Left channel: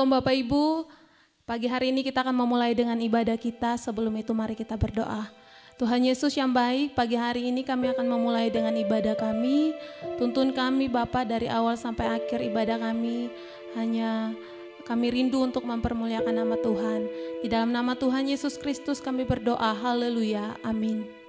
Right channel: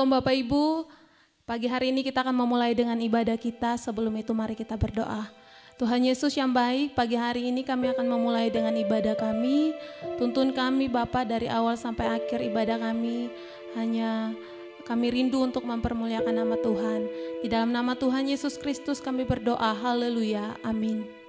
Shalom Bapak Ibu, pagi hari ini kita akan memulai dengan ibadah kita. Sebelum itu mari kita berdoa. Tuhan Yesus yang baik, pagi hari ini kami akan memulai dengan ibadah kami. Tuntun kami Bapa dari awal sampai akhir ibadah kami. Hanya kami rindu untuk mempermuliakan nama Tuhan. Di dalam nama Tuhan Yesus Kristus kami berdoa, haleluya, amin.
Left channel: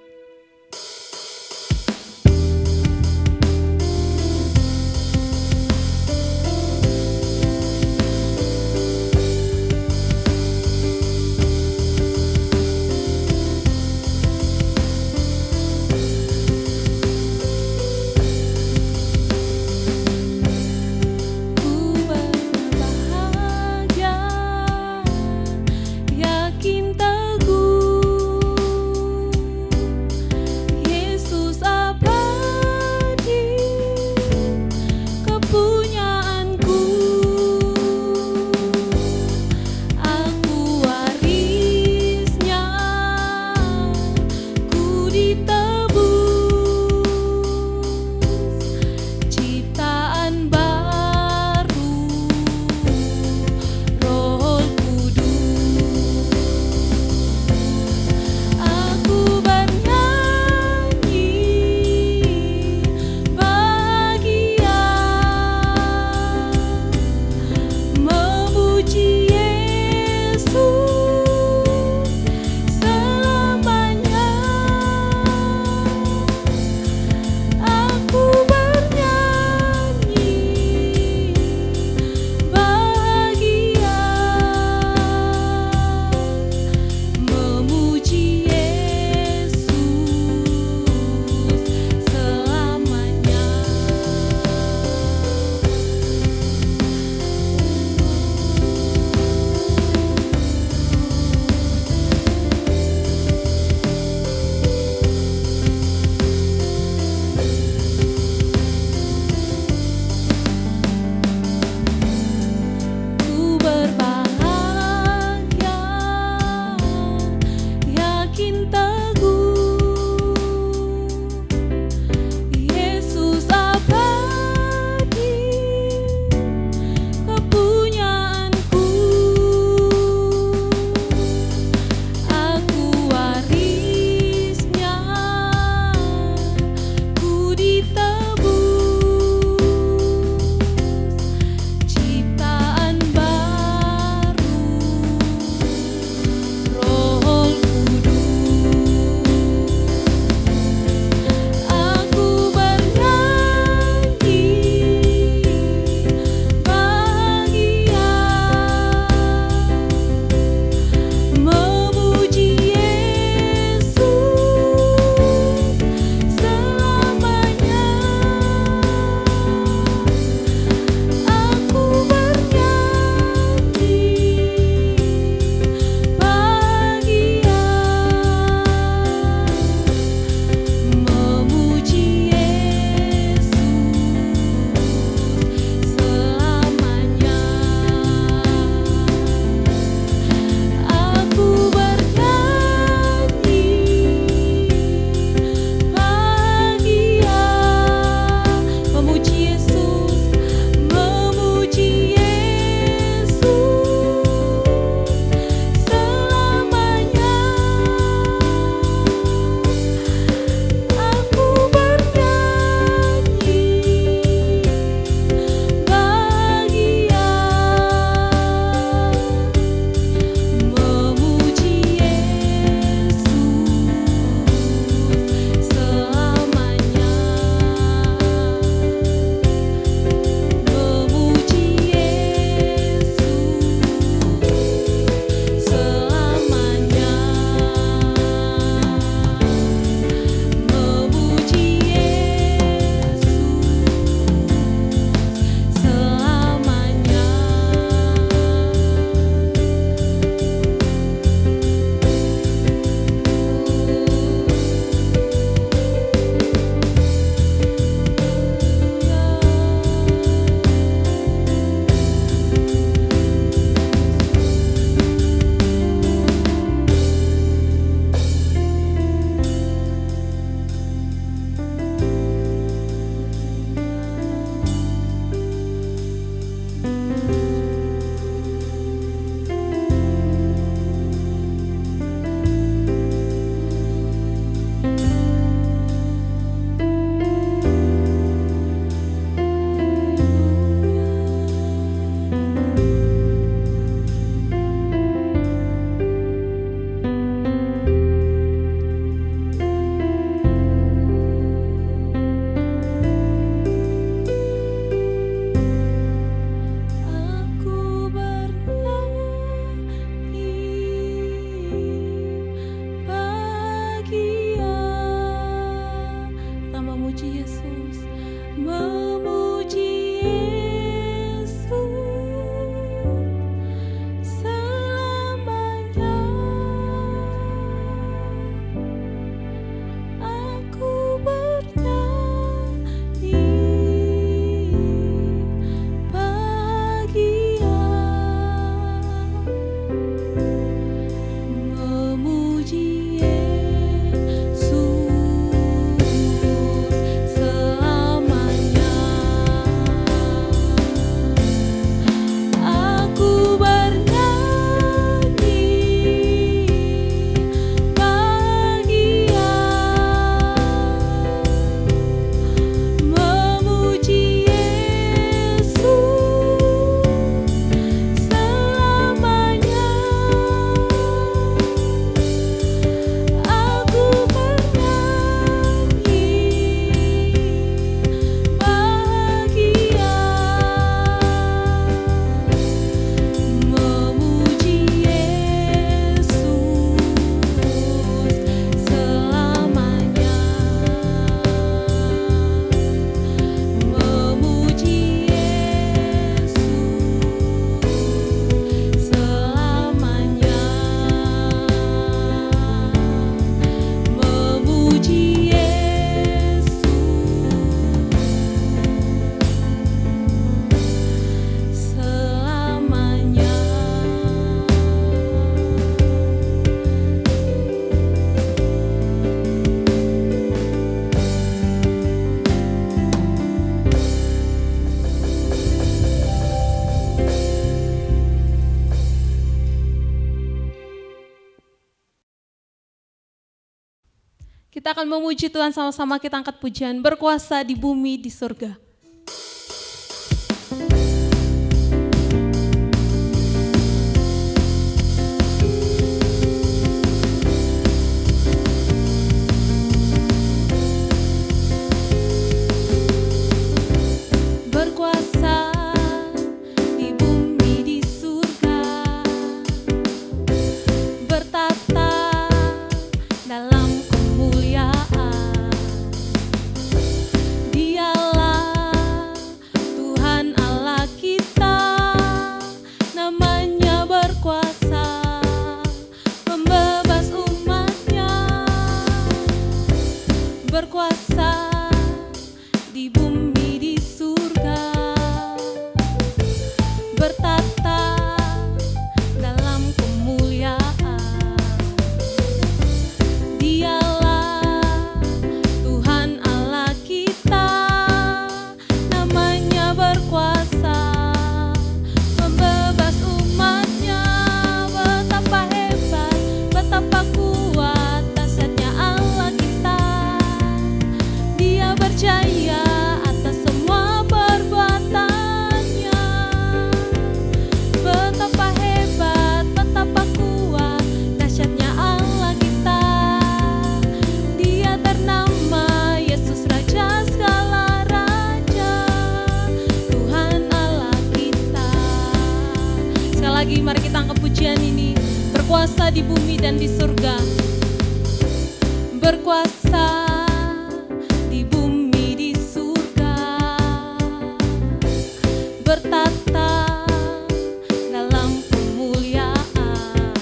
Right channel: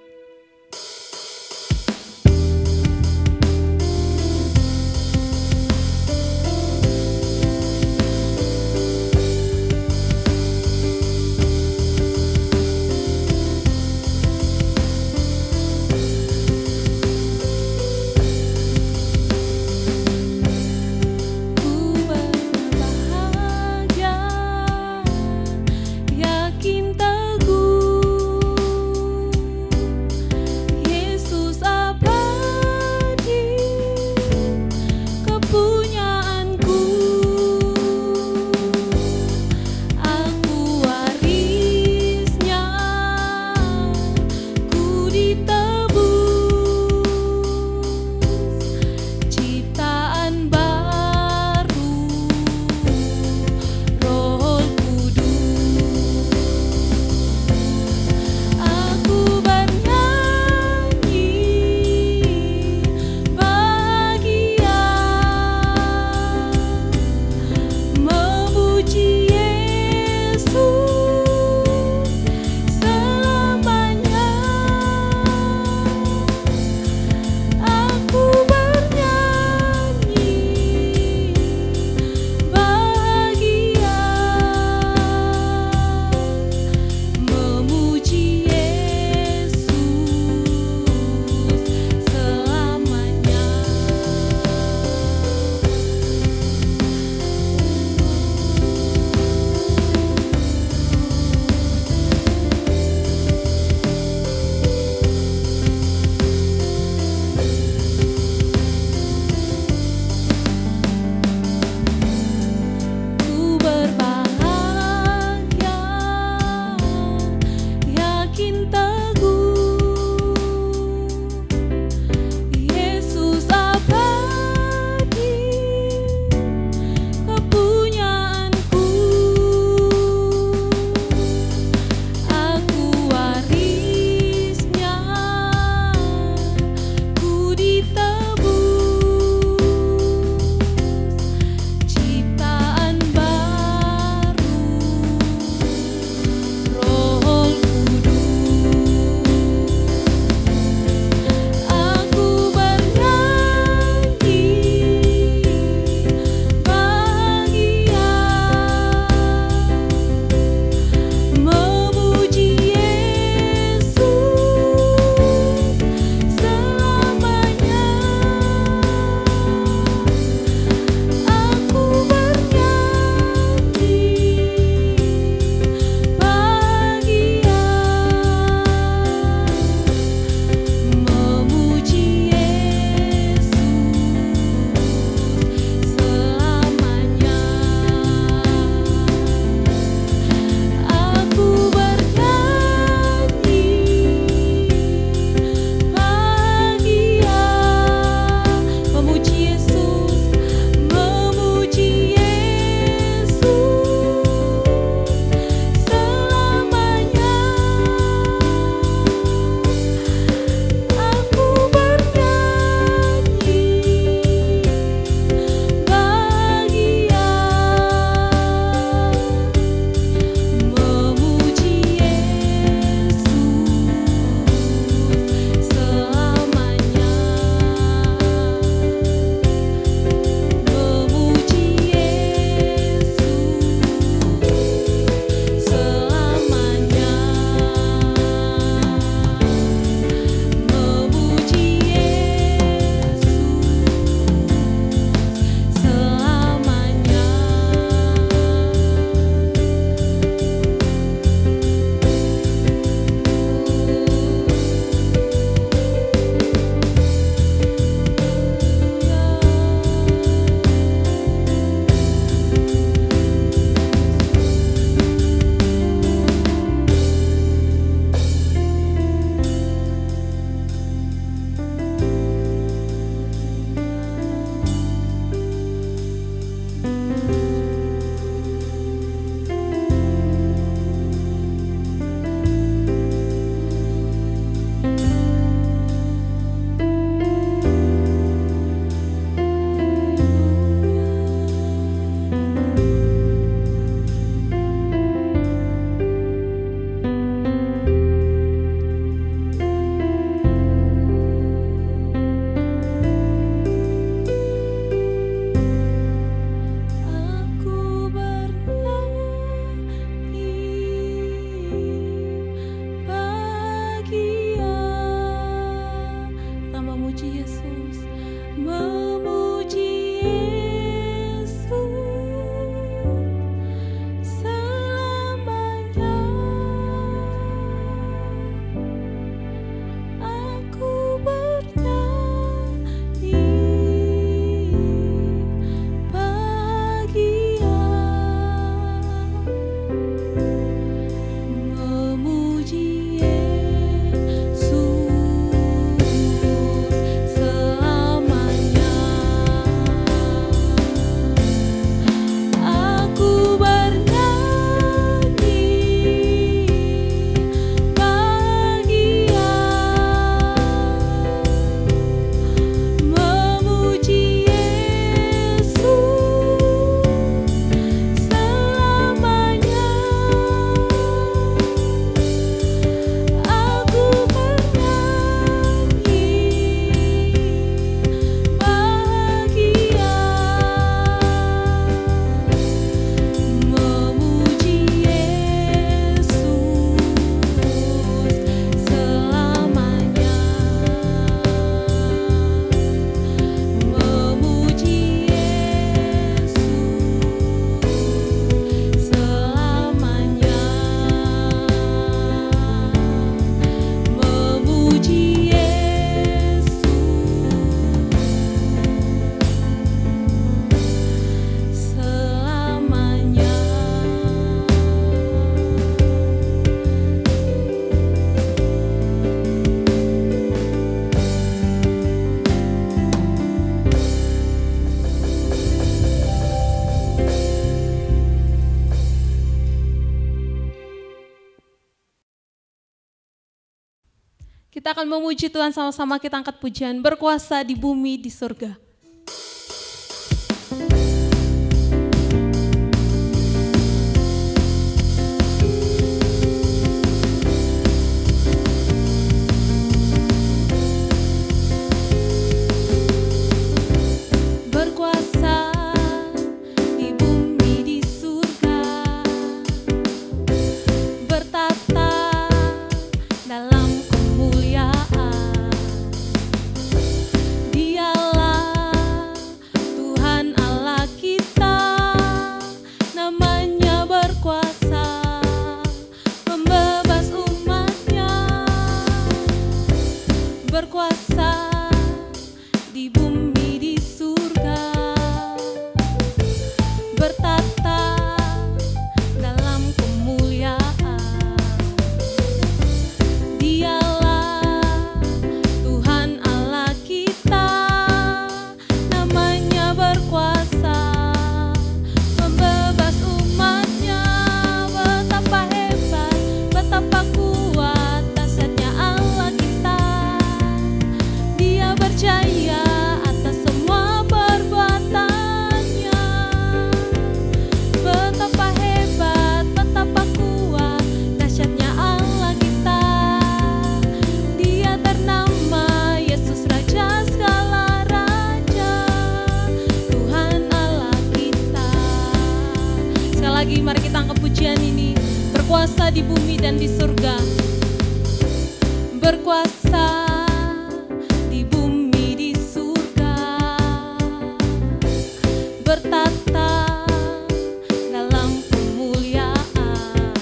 Yakin teguh Kita akan memuji Tuhan sama-sama, kita angkat pujian, berkuasa di bumi di surga. Berkuasa di bumi dan di surga, berkuasa di bumi di surga, bertata dalam kemuliaan.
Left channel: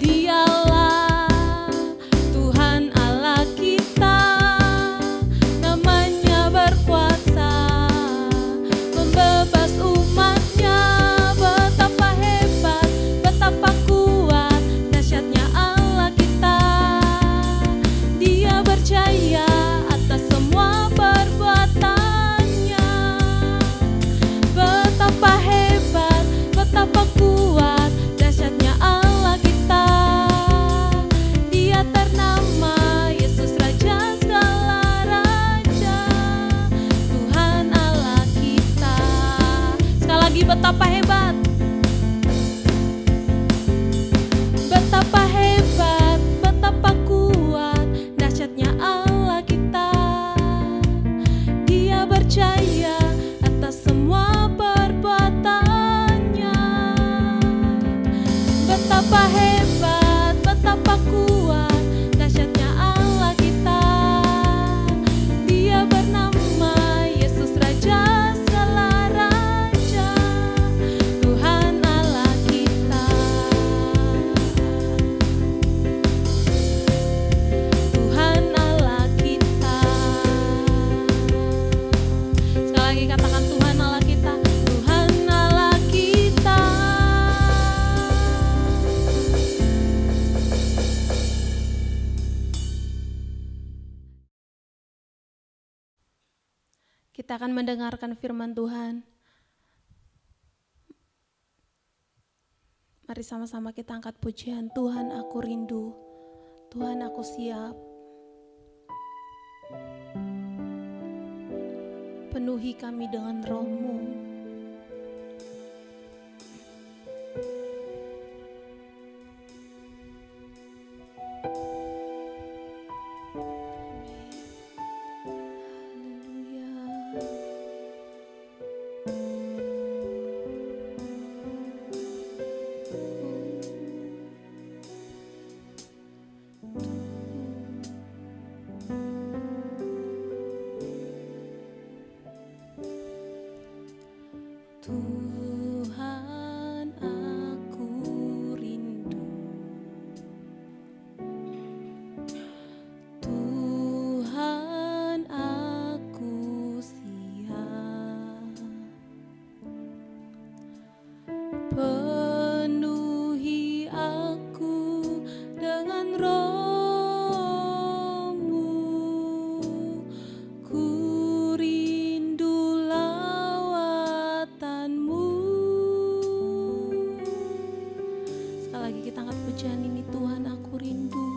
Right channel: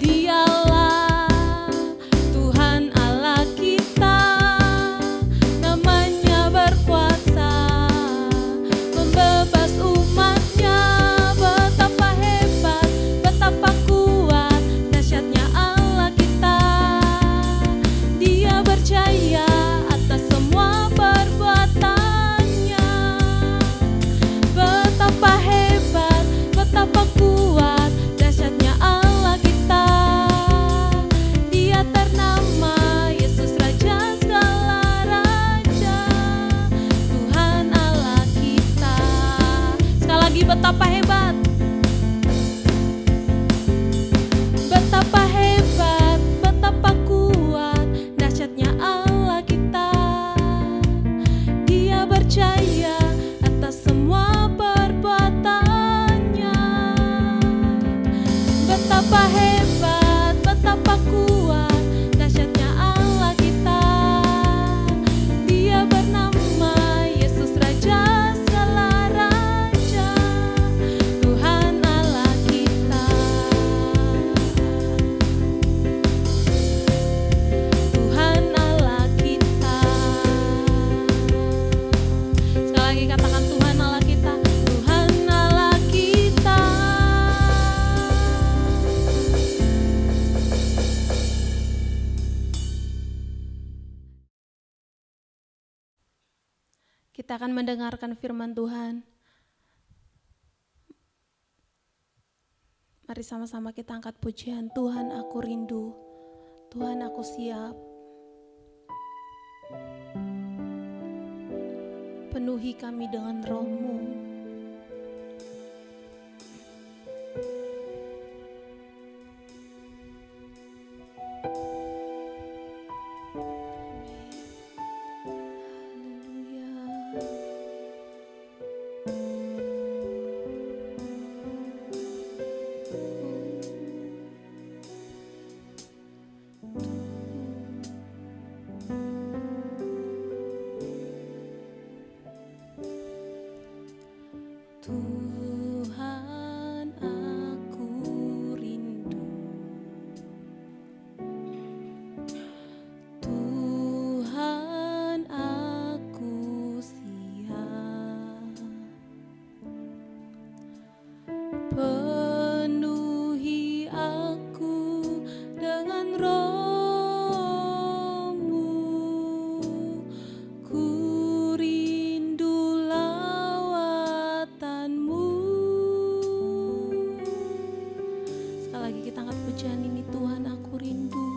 Dialah Tuhan Allah kita, namanya berkuasa membebas umatnya. Betapa hebat, betapa kuat, dahsyatnya Allah kita. Dia berjaya atas semua perbuatannya. Betapa hebat, betapa kuat, dahsyatnya Allah kita. Dia ternama Yesus Raja segala raja, Tuhan Allah kita. Sekali lagi, betapa hebat, betapa hebat, betapa kuat, dahsyatnya Allah kita. Dia berjaya atas semua perbuatannya. Betapa hebat, betapa kuat, dahsyatnya Allah kita. Dia bernama Yesus Raja segala raja, Tuhan Allah kita. Tuhan Allah kita. Sekali lagi katakan, Tuhan Allah kita, Tuhan Allah kita. Kita akan mendengarkan firman Tuhan. Mari sama-sama kita angkat pujian. Tuhan, aku rindu, Tuhan, aku siap. Penuhi kami dengan Roh-Mu. Tuhan, aku rindu. Tuhan, aku siap. Penuhi aku dengan Roh-Mu. Ku rindu lawatan-Mu. Sekali lagi kita angkat pujian ini. Tuhan, aku rindu.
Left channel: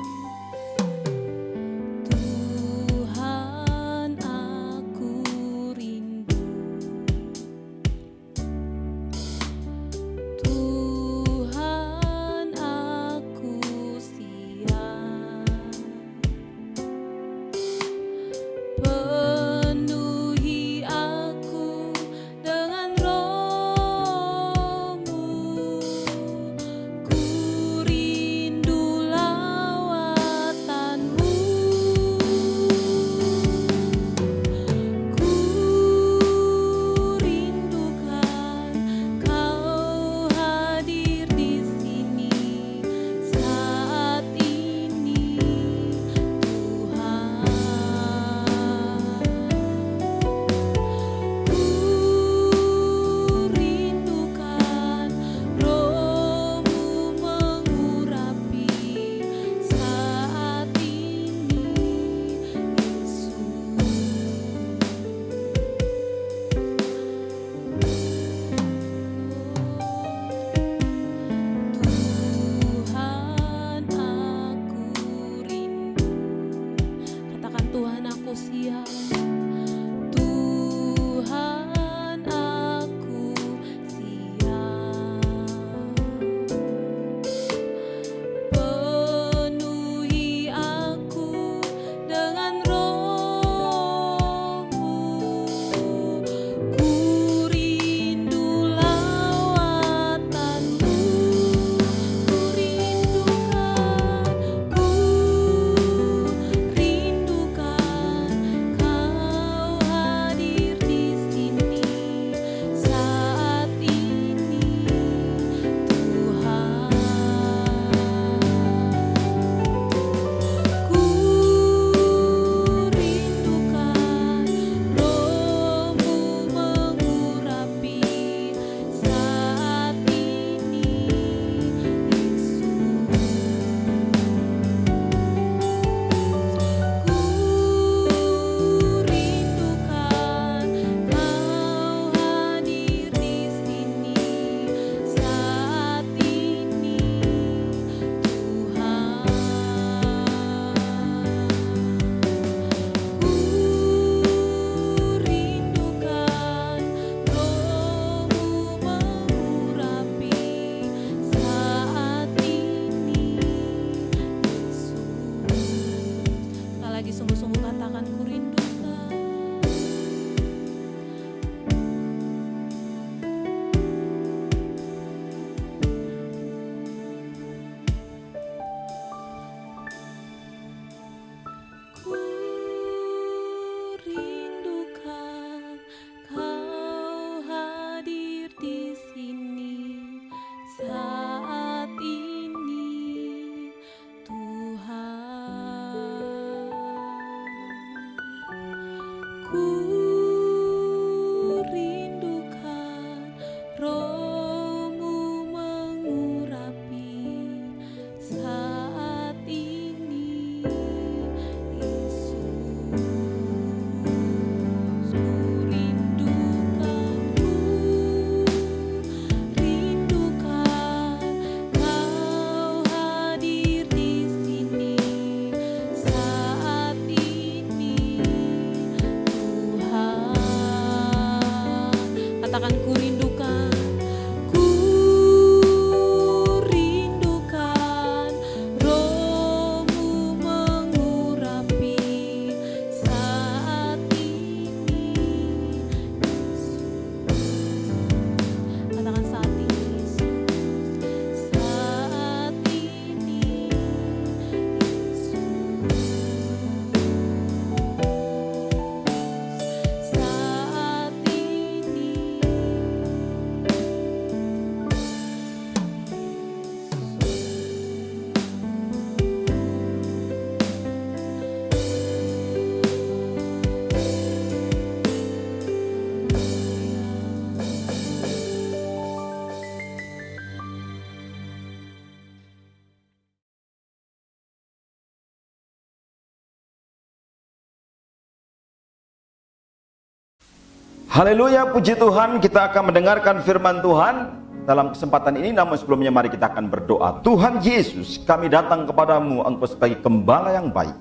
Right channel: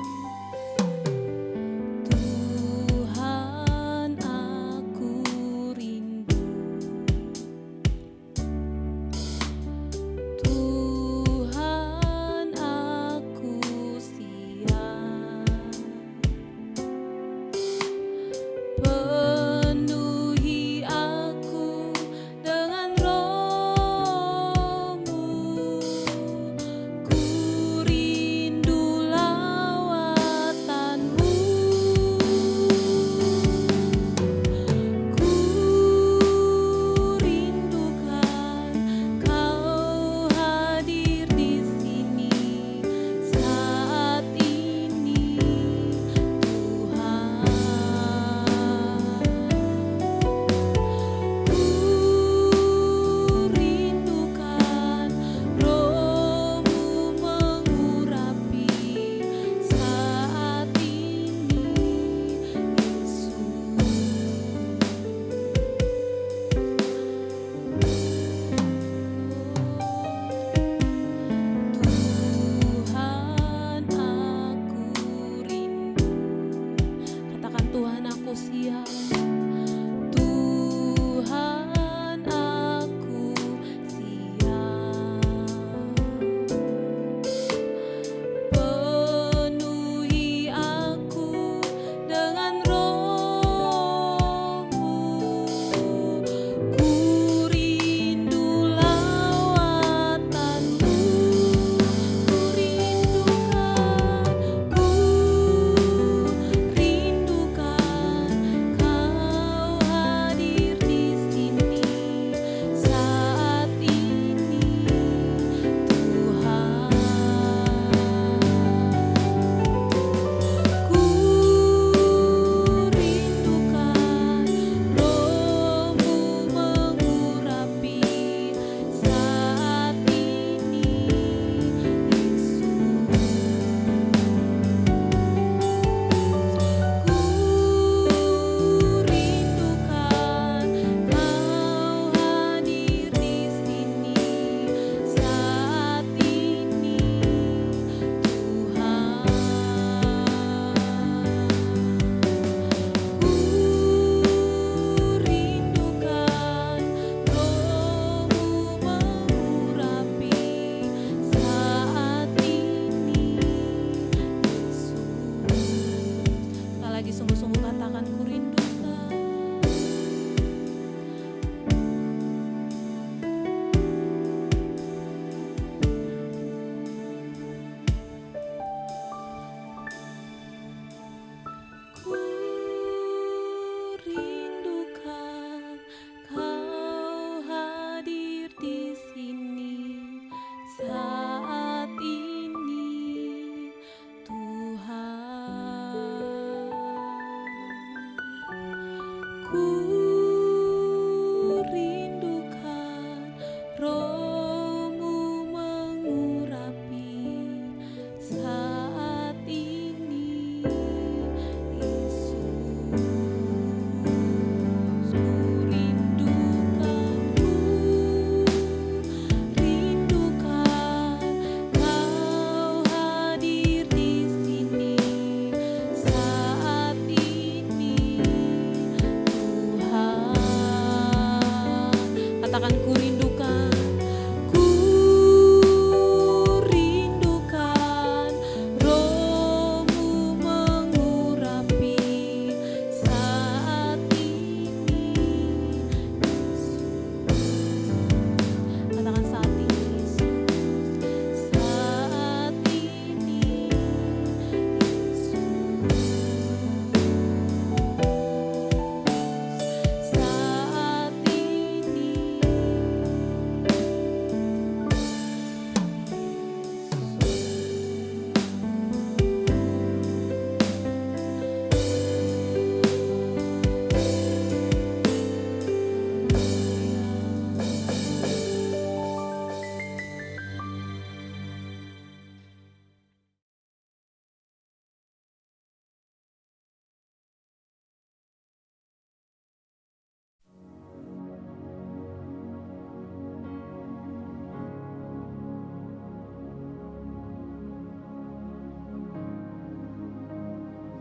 Haleluya, puji Tuhan. Kita akan mendengarkan firman Tuhan dalam kesempatan ini. Namun sebelumnya mari kita akan berdoa. Tuhan Yesus, kami datang kepadamu, Engkau sebagai gembala yang baik.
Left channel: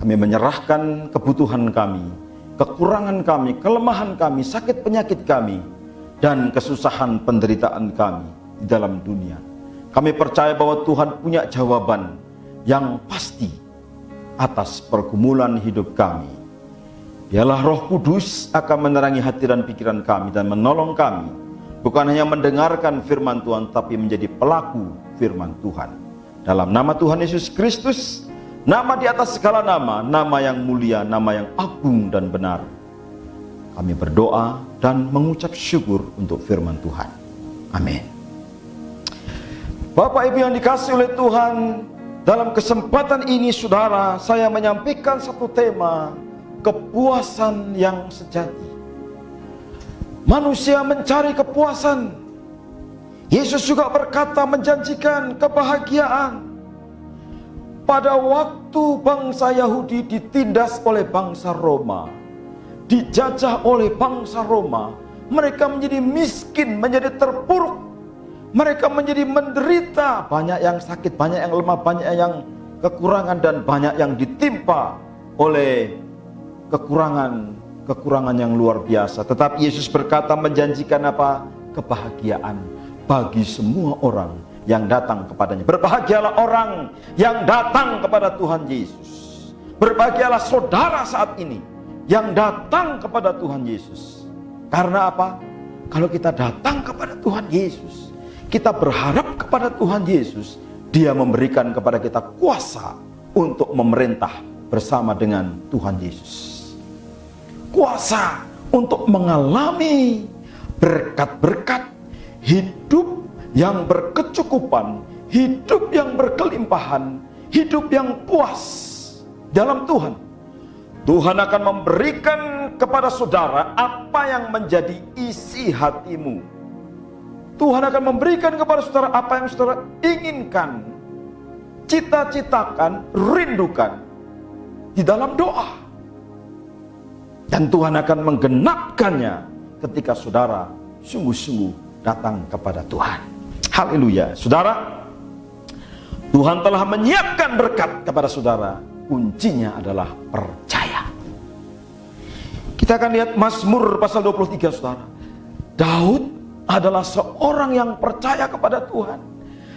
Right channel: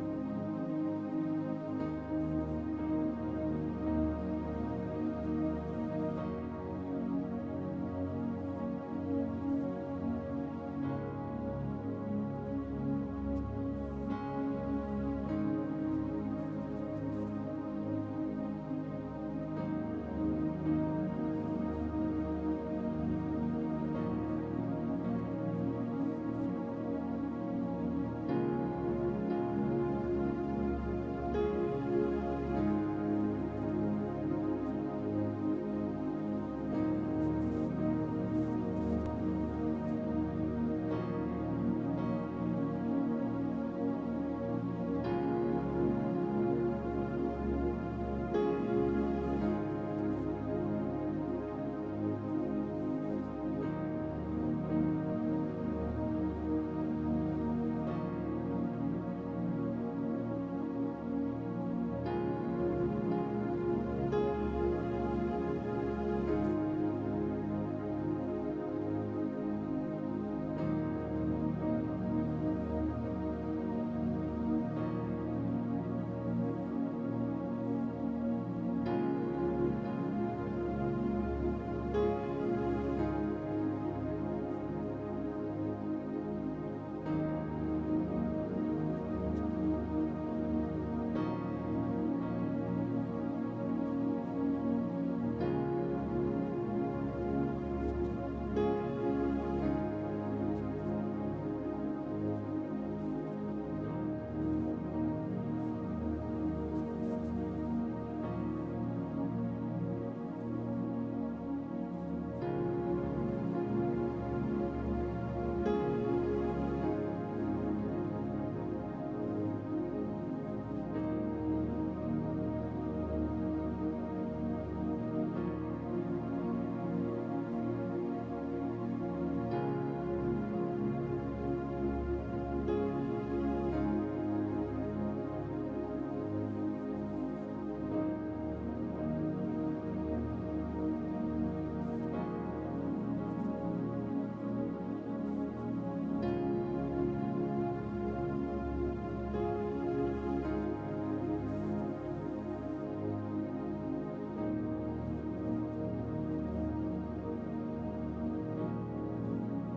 Kami menyerahkan kebutuhan kami, kekurangan kami, kelemahan kami, sakit penyakit kami, dan kesusahan penderitaan kami di dalam dunia. Kami percaya bahwa Tuhan punya jawaban yang pasti atas pergumulan hidup kami. Biarlah Roh Kudus akan menerangi hati dan pikiran kami dan menolong kami, bukan hanya mendengarkan firman Tuhan, tapi menjadi pelaku firman Tuhan. Dalam nama Tuhan Yesus Kristus, nama di atas segala nama, nama yang mulia, nama yang agung dan benar, kami berdoa dan mengucap syukur untuk firman Tuhan. Amin. Bapak Ibu yang dikasihi oleh Tuhan, dalam kesempatan ini saudara, saya menyampaikan satu tema, kepuasan yang sejati. Manusia mencari kepuasan. Yesus juga berkata, menjanjikan kebahagiaan. Pada waktu bangsa Yahudi ditindas oleh bangsa Roma, dijajah oleh bangsa Roma, mereka menjadi miskin, menjadi terpuruk, mereka menjadi menderita. Banyak yang sakit, banyak yang lemah, banyak yang kekurangan, dan banyak yang ditimpa oleh kekurangan yang luar biasa. Tetapi Yesus berkata, menjanjikan apa? Kebahagiaan bagi semua orang yang datang kepadanya. Berbahagialah orang yang datang kepada Tuhan Yesus. Berbahagialah saudara saat ini yang datang kepada Tuhan Yesus. Karena apa? Kalau kita datang kepada Tuhan Yesus, kita berharap kepada Tuhan Yesus, Dia memberikan kepada kita kuasa untuk memerintah bersama dengan Tuhan Yesus. Kuasa untuk mengalami berkat-berkat, hidup yang berkecukupan, hidup yang berkelimpahan, hidup yang puas dalam Tuhan. Tuhan akan memberikan kepada saudara apa yang menjadi isi hatimu. Tuhan akan memberikan kepada saudara apa yang saudara inginkan, cita-citakan, rindukan di dalam doa. Dan Tuhan akan menggenapkannya ketika saudara sungguh-sungguh datang kepada Tuhan. Haleluya. Saudara, Tuhan telah menyiapkan berkat kepada saudara. Kuncinya adalah percaya. Kita akan lihat Mazmur pasal 23, saudara. Daud adalah seorang yang percaya kepada Tuhan.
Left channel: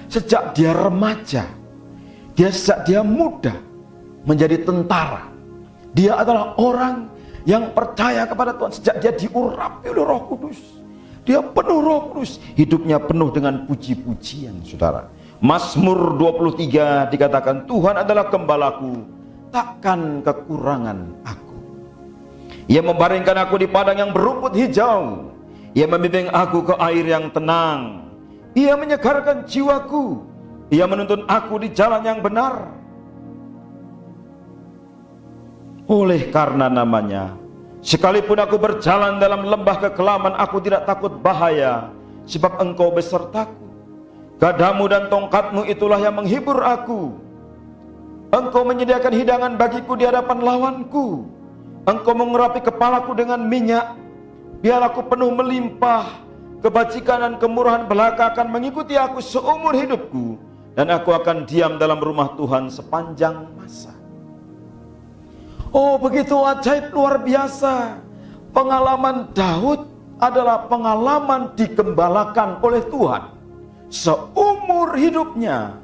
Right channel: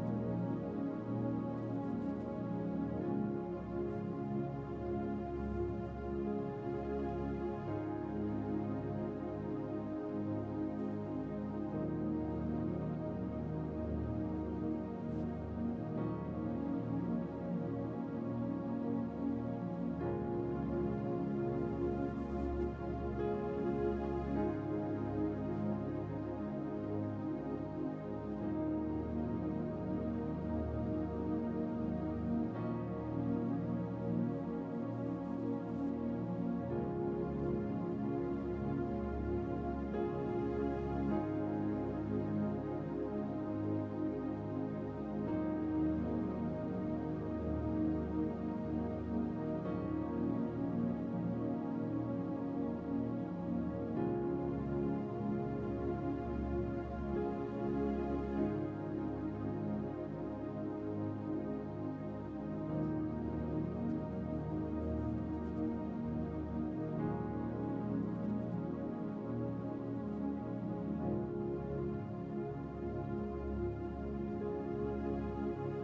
Sejak dia remaja, sejak dia muda menjadi tentara, dia adalah orang yang percaya kepada Tuhan. Sejak dia diurapi oleh Roh Kudus, dia penuh Roh Kudus, hidupnya penuh dengan puji-pujian, saudara. Mazmur 23 dikatakan, Tuhan adalah gembalaku, takkan kekurangan aku. Ia membaringkan aku di padang yang berumput hijau, Ia membimbing aku ke air yang tenang. Ia menyegarkan jiwaku, Ia menuntun aku di jalan yang benar oleh karena namanya. Sekalipun aku berjalan dalam lembah kekelaman, aku tidak takut bahaya, sebab Engkau besertaku. Gadamu dan tongkatmu itulah yang menghibur aku. Engkau menyediakan hidangan bagiku di hadapan lawanku. Engkau mengurapi kepalaku dengan minyak, biar aku penuh melimpah. Kebajikan dan kemurahan belaka akan mengikuti aku seumur hidupku, dan aku akan diam dalam rumah Tuhan sepanjang masa. Oh, begitu ajaib, luar biasa. Pengalaman Daud adalah pengalaman digembalakan oleh Tuhan seumur hidupnya.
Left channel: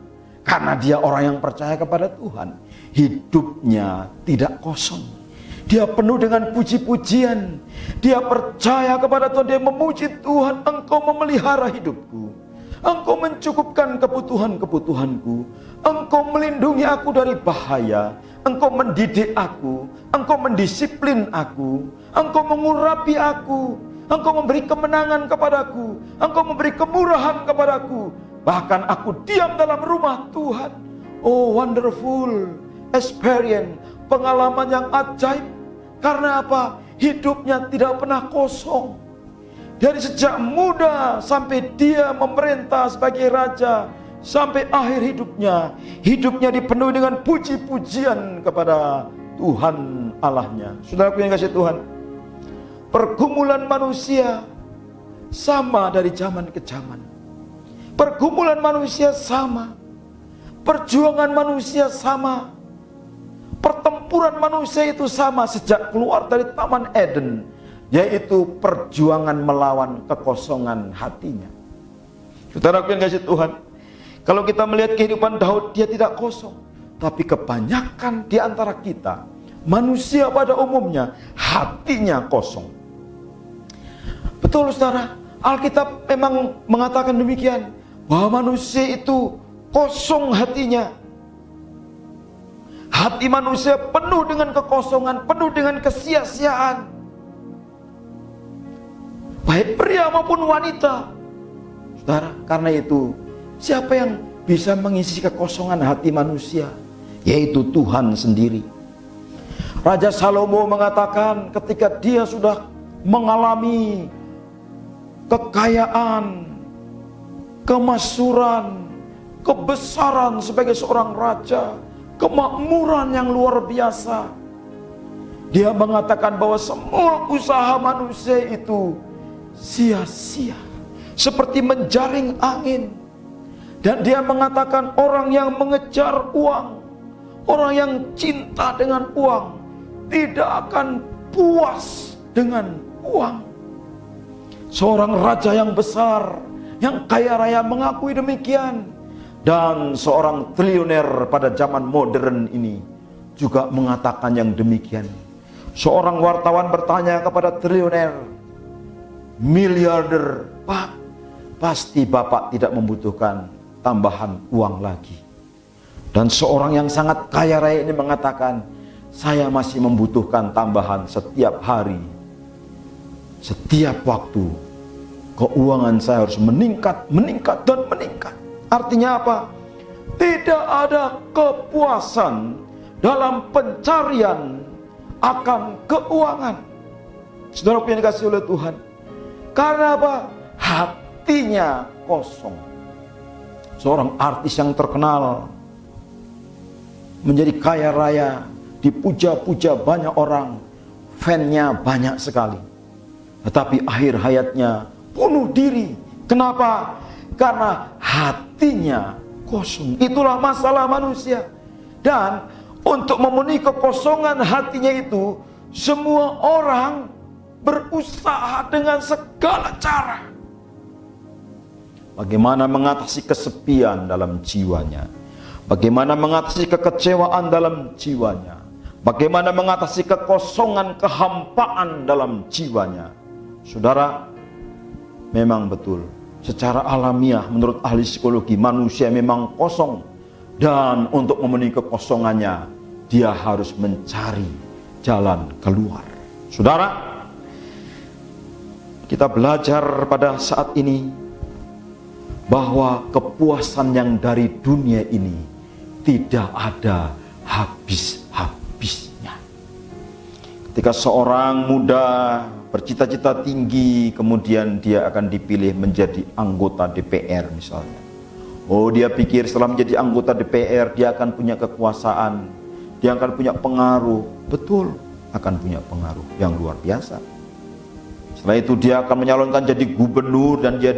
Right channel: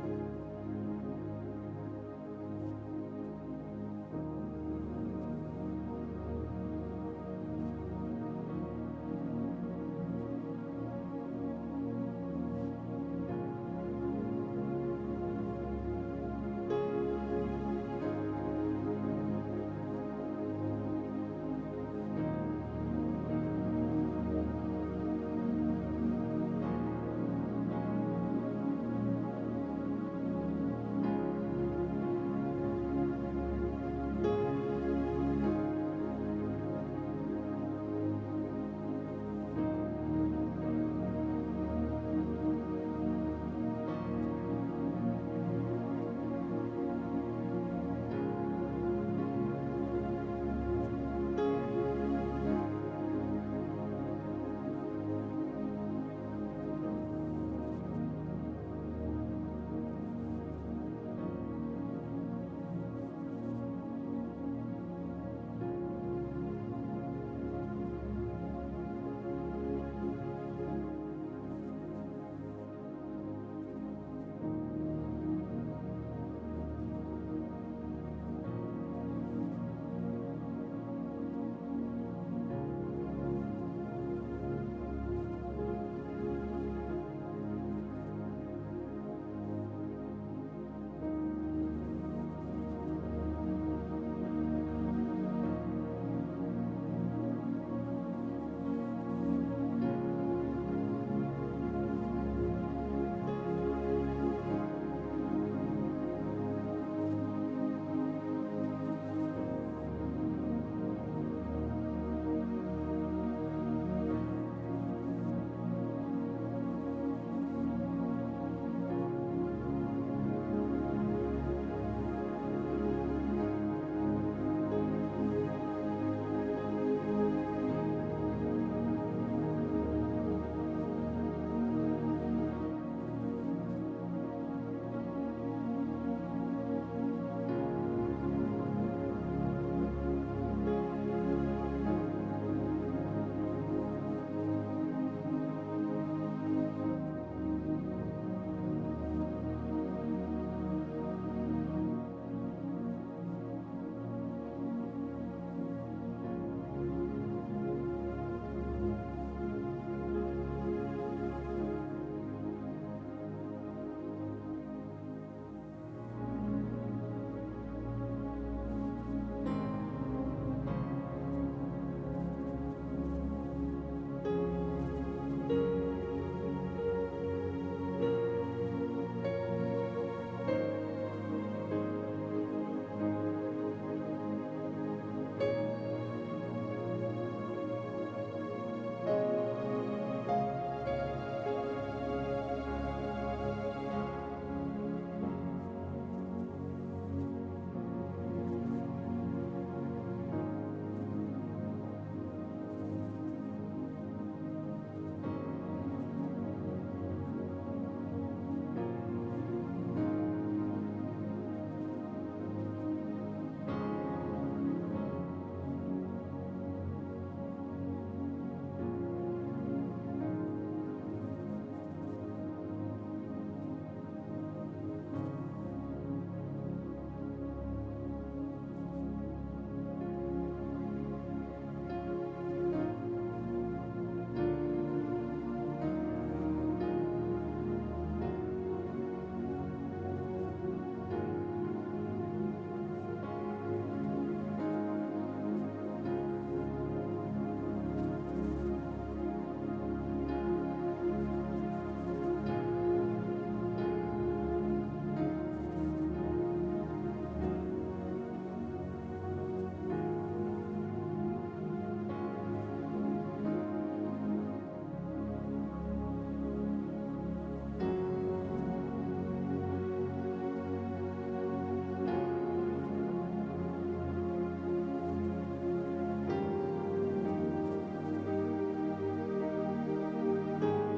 Karena dia orang yang percaya kepada Tuhan, hidupnya tidak kosong. Dia penuh dengan puji-pujian. Dia percaya kepada Tuhan, dia memuji Tuhan. Engkau memelihara hidupku, Engkau mencukupkan kebutuhan-kebutuhanku, Engkau melindungi aku dari bahaya, Engkau mendidik aku, Engkau mendisiplin aku, Engkau mengurapi aku, Engkau memberi kemenangan kepadaku, Engkau memberi kemurahan kepadaku. Bahkan aku diam dalam rumah Tuhan. Oh, wonderful experience, pengalaman yang ajaib. Karena apa? Hidupnya tidak pernah kosong. Dari sejak muda sampai dia memerintah sebagai raja, sampai akhir hidupnya, hidupnya dipenuhi dengan puji-pujian kepada Tuhan Allahnya. Saudaraku yang kasih Tuhan, pergumulan manusia sama dari zaman ke zaman. Pergumulan manusia sama, perjuangan manusia sama, pertempuran manusia itu sama sejak keluar dari Taman Eden, yaitu perjuangan melawan kekosongan hatinya. Saudaraku yang kasih Tuhan, kalau kita melihat kehidupan Daud, dia tidak kosong. Tapi kebanyakan di antara kita, manusia pada umumnya, hatinya kosong. Betul saudara, Alkitab memang mengatakan demikian, bahwa manusia itu kosong hatinya. Hati manusia penuh dengan kekosongan, penuh dengan kesia-siaan. Baik pria maupun wanita. Saudara, karena itu, siapa yang bisa mengisi kekosongan hati manusia? Yaitu Tuhan sendiri. Raja Salomo mengatakan ketika dia sudah mengalami kekayaan, kemakmuran, kebesaran sebagai seorang raja, kemakmuran yang luar biasa, dia mengatakan bahwa semua usaha manusia itu sia-sia, seperti menjaring angin. Dan dia mengatakan orang yang mengejar uang, orang yang cinta dengan uang, tidak akan puas dengan uang. Seorang raja yang besar, yang kaya raya mengakui demikian. Dan seorang triliuner pada zaman modern ini juga mengatakan yang demikian. Seorang wartawan bertanya kepada triliuner, miliarder, "Pak, pasti Bapak tidak membutuhkan tambahan uang lagi." Dan seorang yang sangat kaya raya ini mengatakan, "Saya masih membutuhkan tambahan setiap hari, setiap waktu. Keuangan saya harus meningkat, meningkat, dan meningkat." Artinya apa? Tidak ada kepuasan dalam pencarian akan keuangan. Saudara yang dikasihi oleh Tuhan, karena apa? Hatinya kosong. Seorang artis yang terkenal, menjadi kaya raya, dipuja-puja banyak orang, fan-nya banyak sekali. Tetapi akhir hayatnya bunuh diri. Kenapa? Karena hatinya kosong. Itulah masalah manusia. Dan untuk memenuhi kekosongan hatinya itu, semua orang berusaha dengan segala cara. Bagaimana mengatasi kesepian dalam jiwanya, bagaimana mengatasi kekecewaan dalam jiwanya, bagaimana mengatasi kekosongan, kehampaan dalam jiwanya. Saudara, memang betul, secara alamiah menurut ahli psikologi, manusia memang kosong. Dan untuk memenuhi kekosongannya, dia harus mencari jalan keluar. Saudara, kita belajar pada saat ini bahwa kepuasan yang dari dunia ini tidak ada habis-habisnya. Ketika seorang muda bercita-cita tinggi, kemudian dia akan dipilih menjadi anggota DPR misalnya. Oh, dia pikir setelah menjadi anggota DPR dia akan punya kekuasaan, dia akan punya pengaruh. Betul, akan punya pengaruh yang luar biasa. Setelah itu dia akan menyalonkan jadi gubernur, dan dia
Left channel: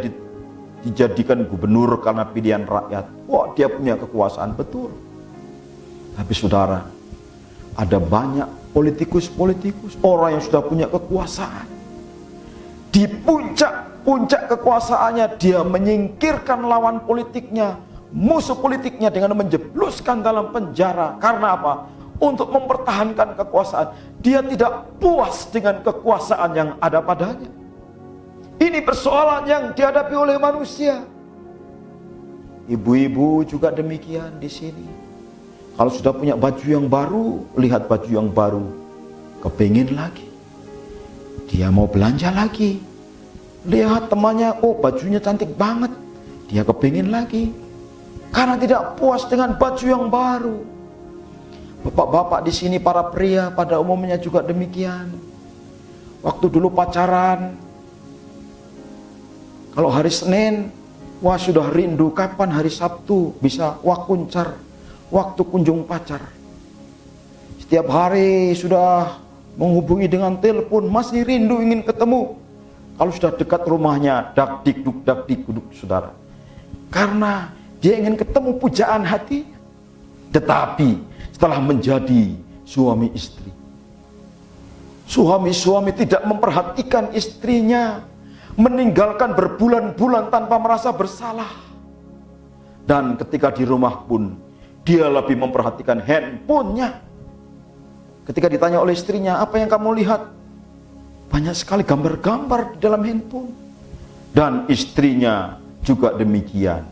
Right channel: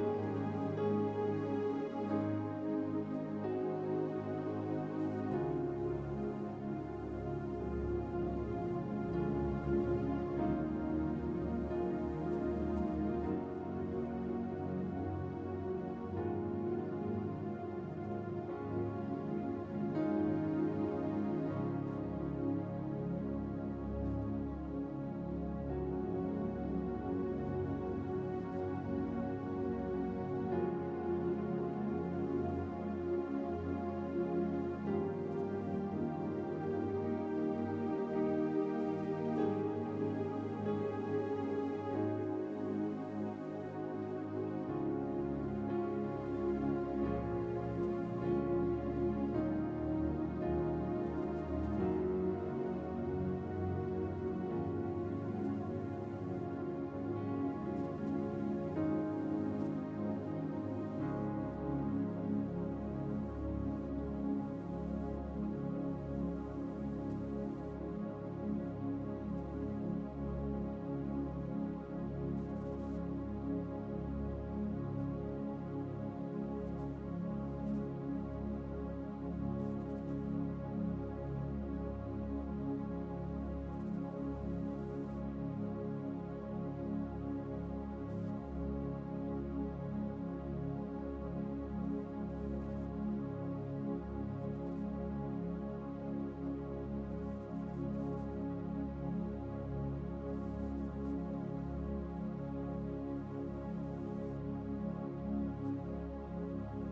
dijadikan gubernur karena pilihan rakyat. Wah, dia punya kekuasaan, betul. Tapi saudara, ada banyak politikus-politikus, orang yang sudah punya kekuasaan. Di puncak kekuasaannya, dia menyingkirkan lawan politiknya, musuh politiknya, dengan menjebluskan dalam penjara. Karena apa? Untuk mempertahankan kekuasaan. Dia tidak puas dengan kekuasaan yang ada padanya. Ini persoalan yang dihadapi oleh manusia. Ibu-ibu juga demikian di sini. Kalau sudah punya baju yang baru, lihat baju yang baru, kepingin lagi. Dia mau belanja lagi. Lihat temannya, oh bajunya cantik banget. Dia kepingin lagi. Karena tidak puas dengan baju yang baru. Bapak-bapak di sini, para pria pada umumnya juga demikian. Waktu dulu pacaran, kalau hari Senin, wah sudah rindu kapan hari Sabtu bisa wakuncar, waktu kunjung pacar. Setiap hari sudah menghubungi dengan telepon, masih rindu ingin ketemu. Kalau sudah dekat rumahnya, dak dikduk saudara. Karena dia ingin ketemu pujaan hati. Tetapi setelah menjadi suami istri, suami tidak memperhatikan istrinya, meninggalkan berbulan-bulan tanpa merasa bersalah. Dan ketika di rumah pun dia lebih memperhatikan handphonenya. Ketika ditanya oleh istrinya, apa yang kamu lihat? Banyak sekali gambar-gambar di dalam handphone. Dan istrinya juga demikian,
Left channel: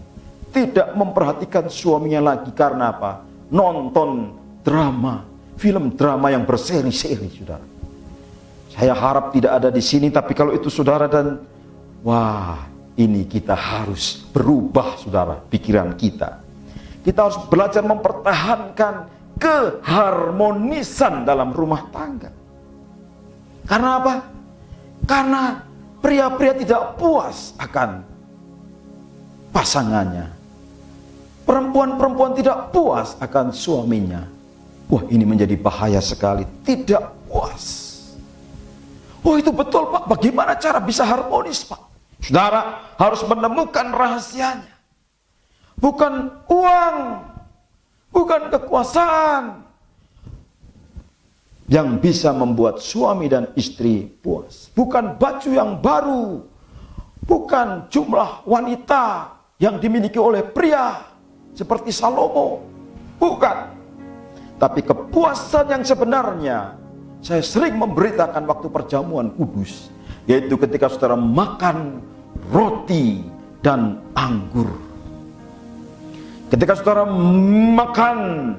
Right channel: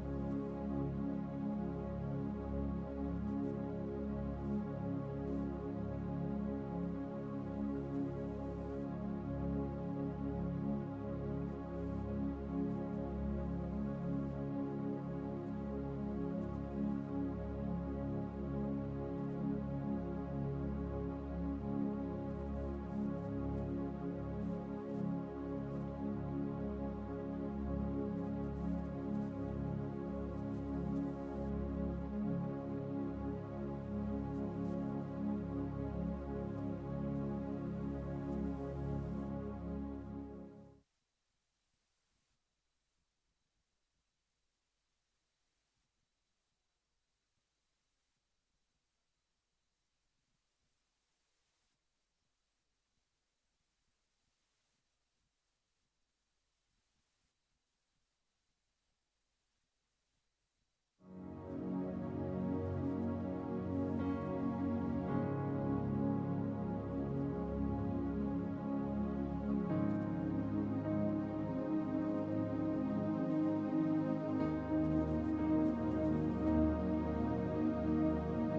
tidak memperhatikan suaminya lagi. Karena apa? Nonton drama, film drama yang berseri-seri, saudara. Saya harap tidak ada di sini, tapi kalau itu saudara, dan wah, ini kita harus berubah, saudara, pikiran kita. Kita harus belajar mempertahankan keharmonisan dalam rumah tangga. Karena apa? Karena pria-pria tidak puas akan pasangannya. Perempuan-perempuan tidak puas akan suaminya. Wah, ini menjadi bahaya sekali. Tidak puas. Oh, itu betul, Pak. Bagaimana cara bisa harmonis, Pak? Saudara harus menemukan rahasianya. Bukan uang, bukan kekuasaan yang bisa membuat suami dan istri puas. Bukan baju yang baru, bukan jumlah wanita yang dimiliki oleh pria seperti Salomo, bukan. Tapi kepuasan yang sebenarnya, saya sering memberitakan waktu perjamuan kudus, yaitu ketika saudara makan roti dan anggur. Ketika saudara makan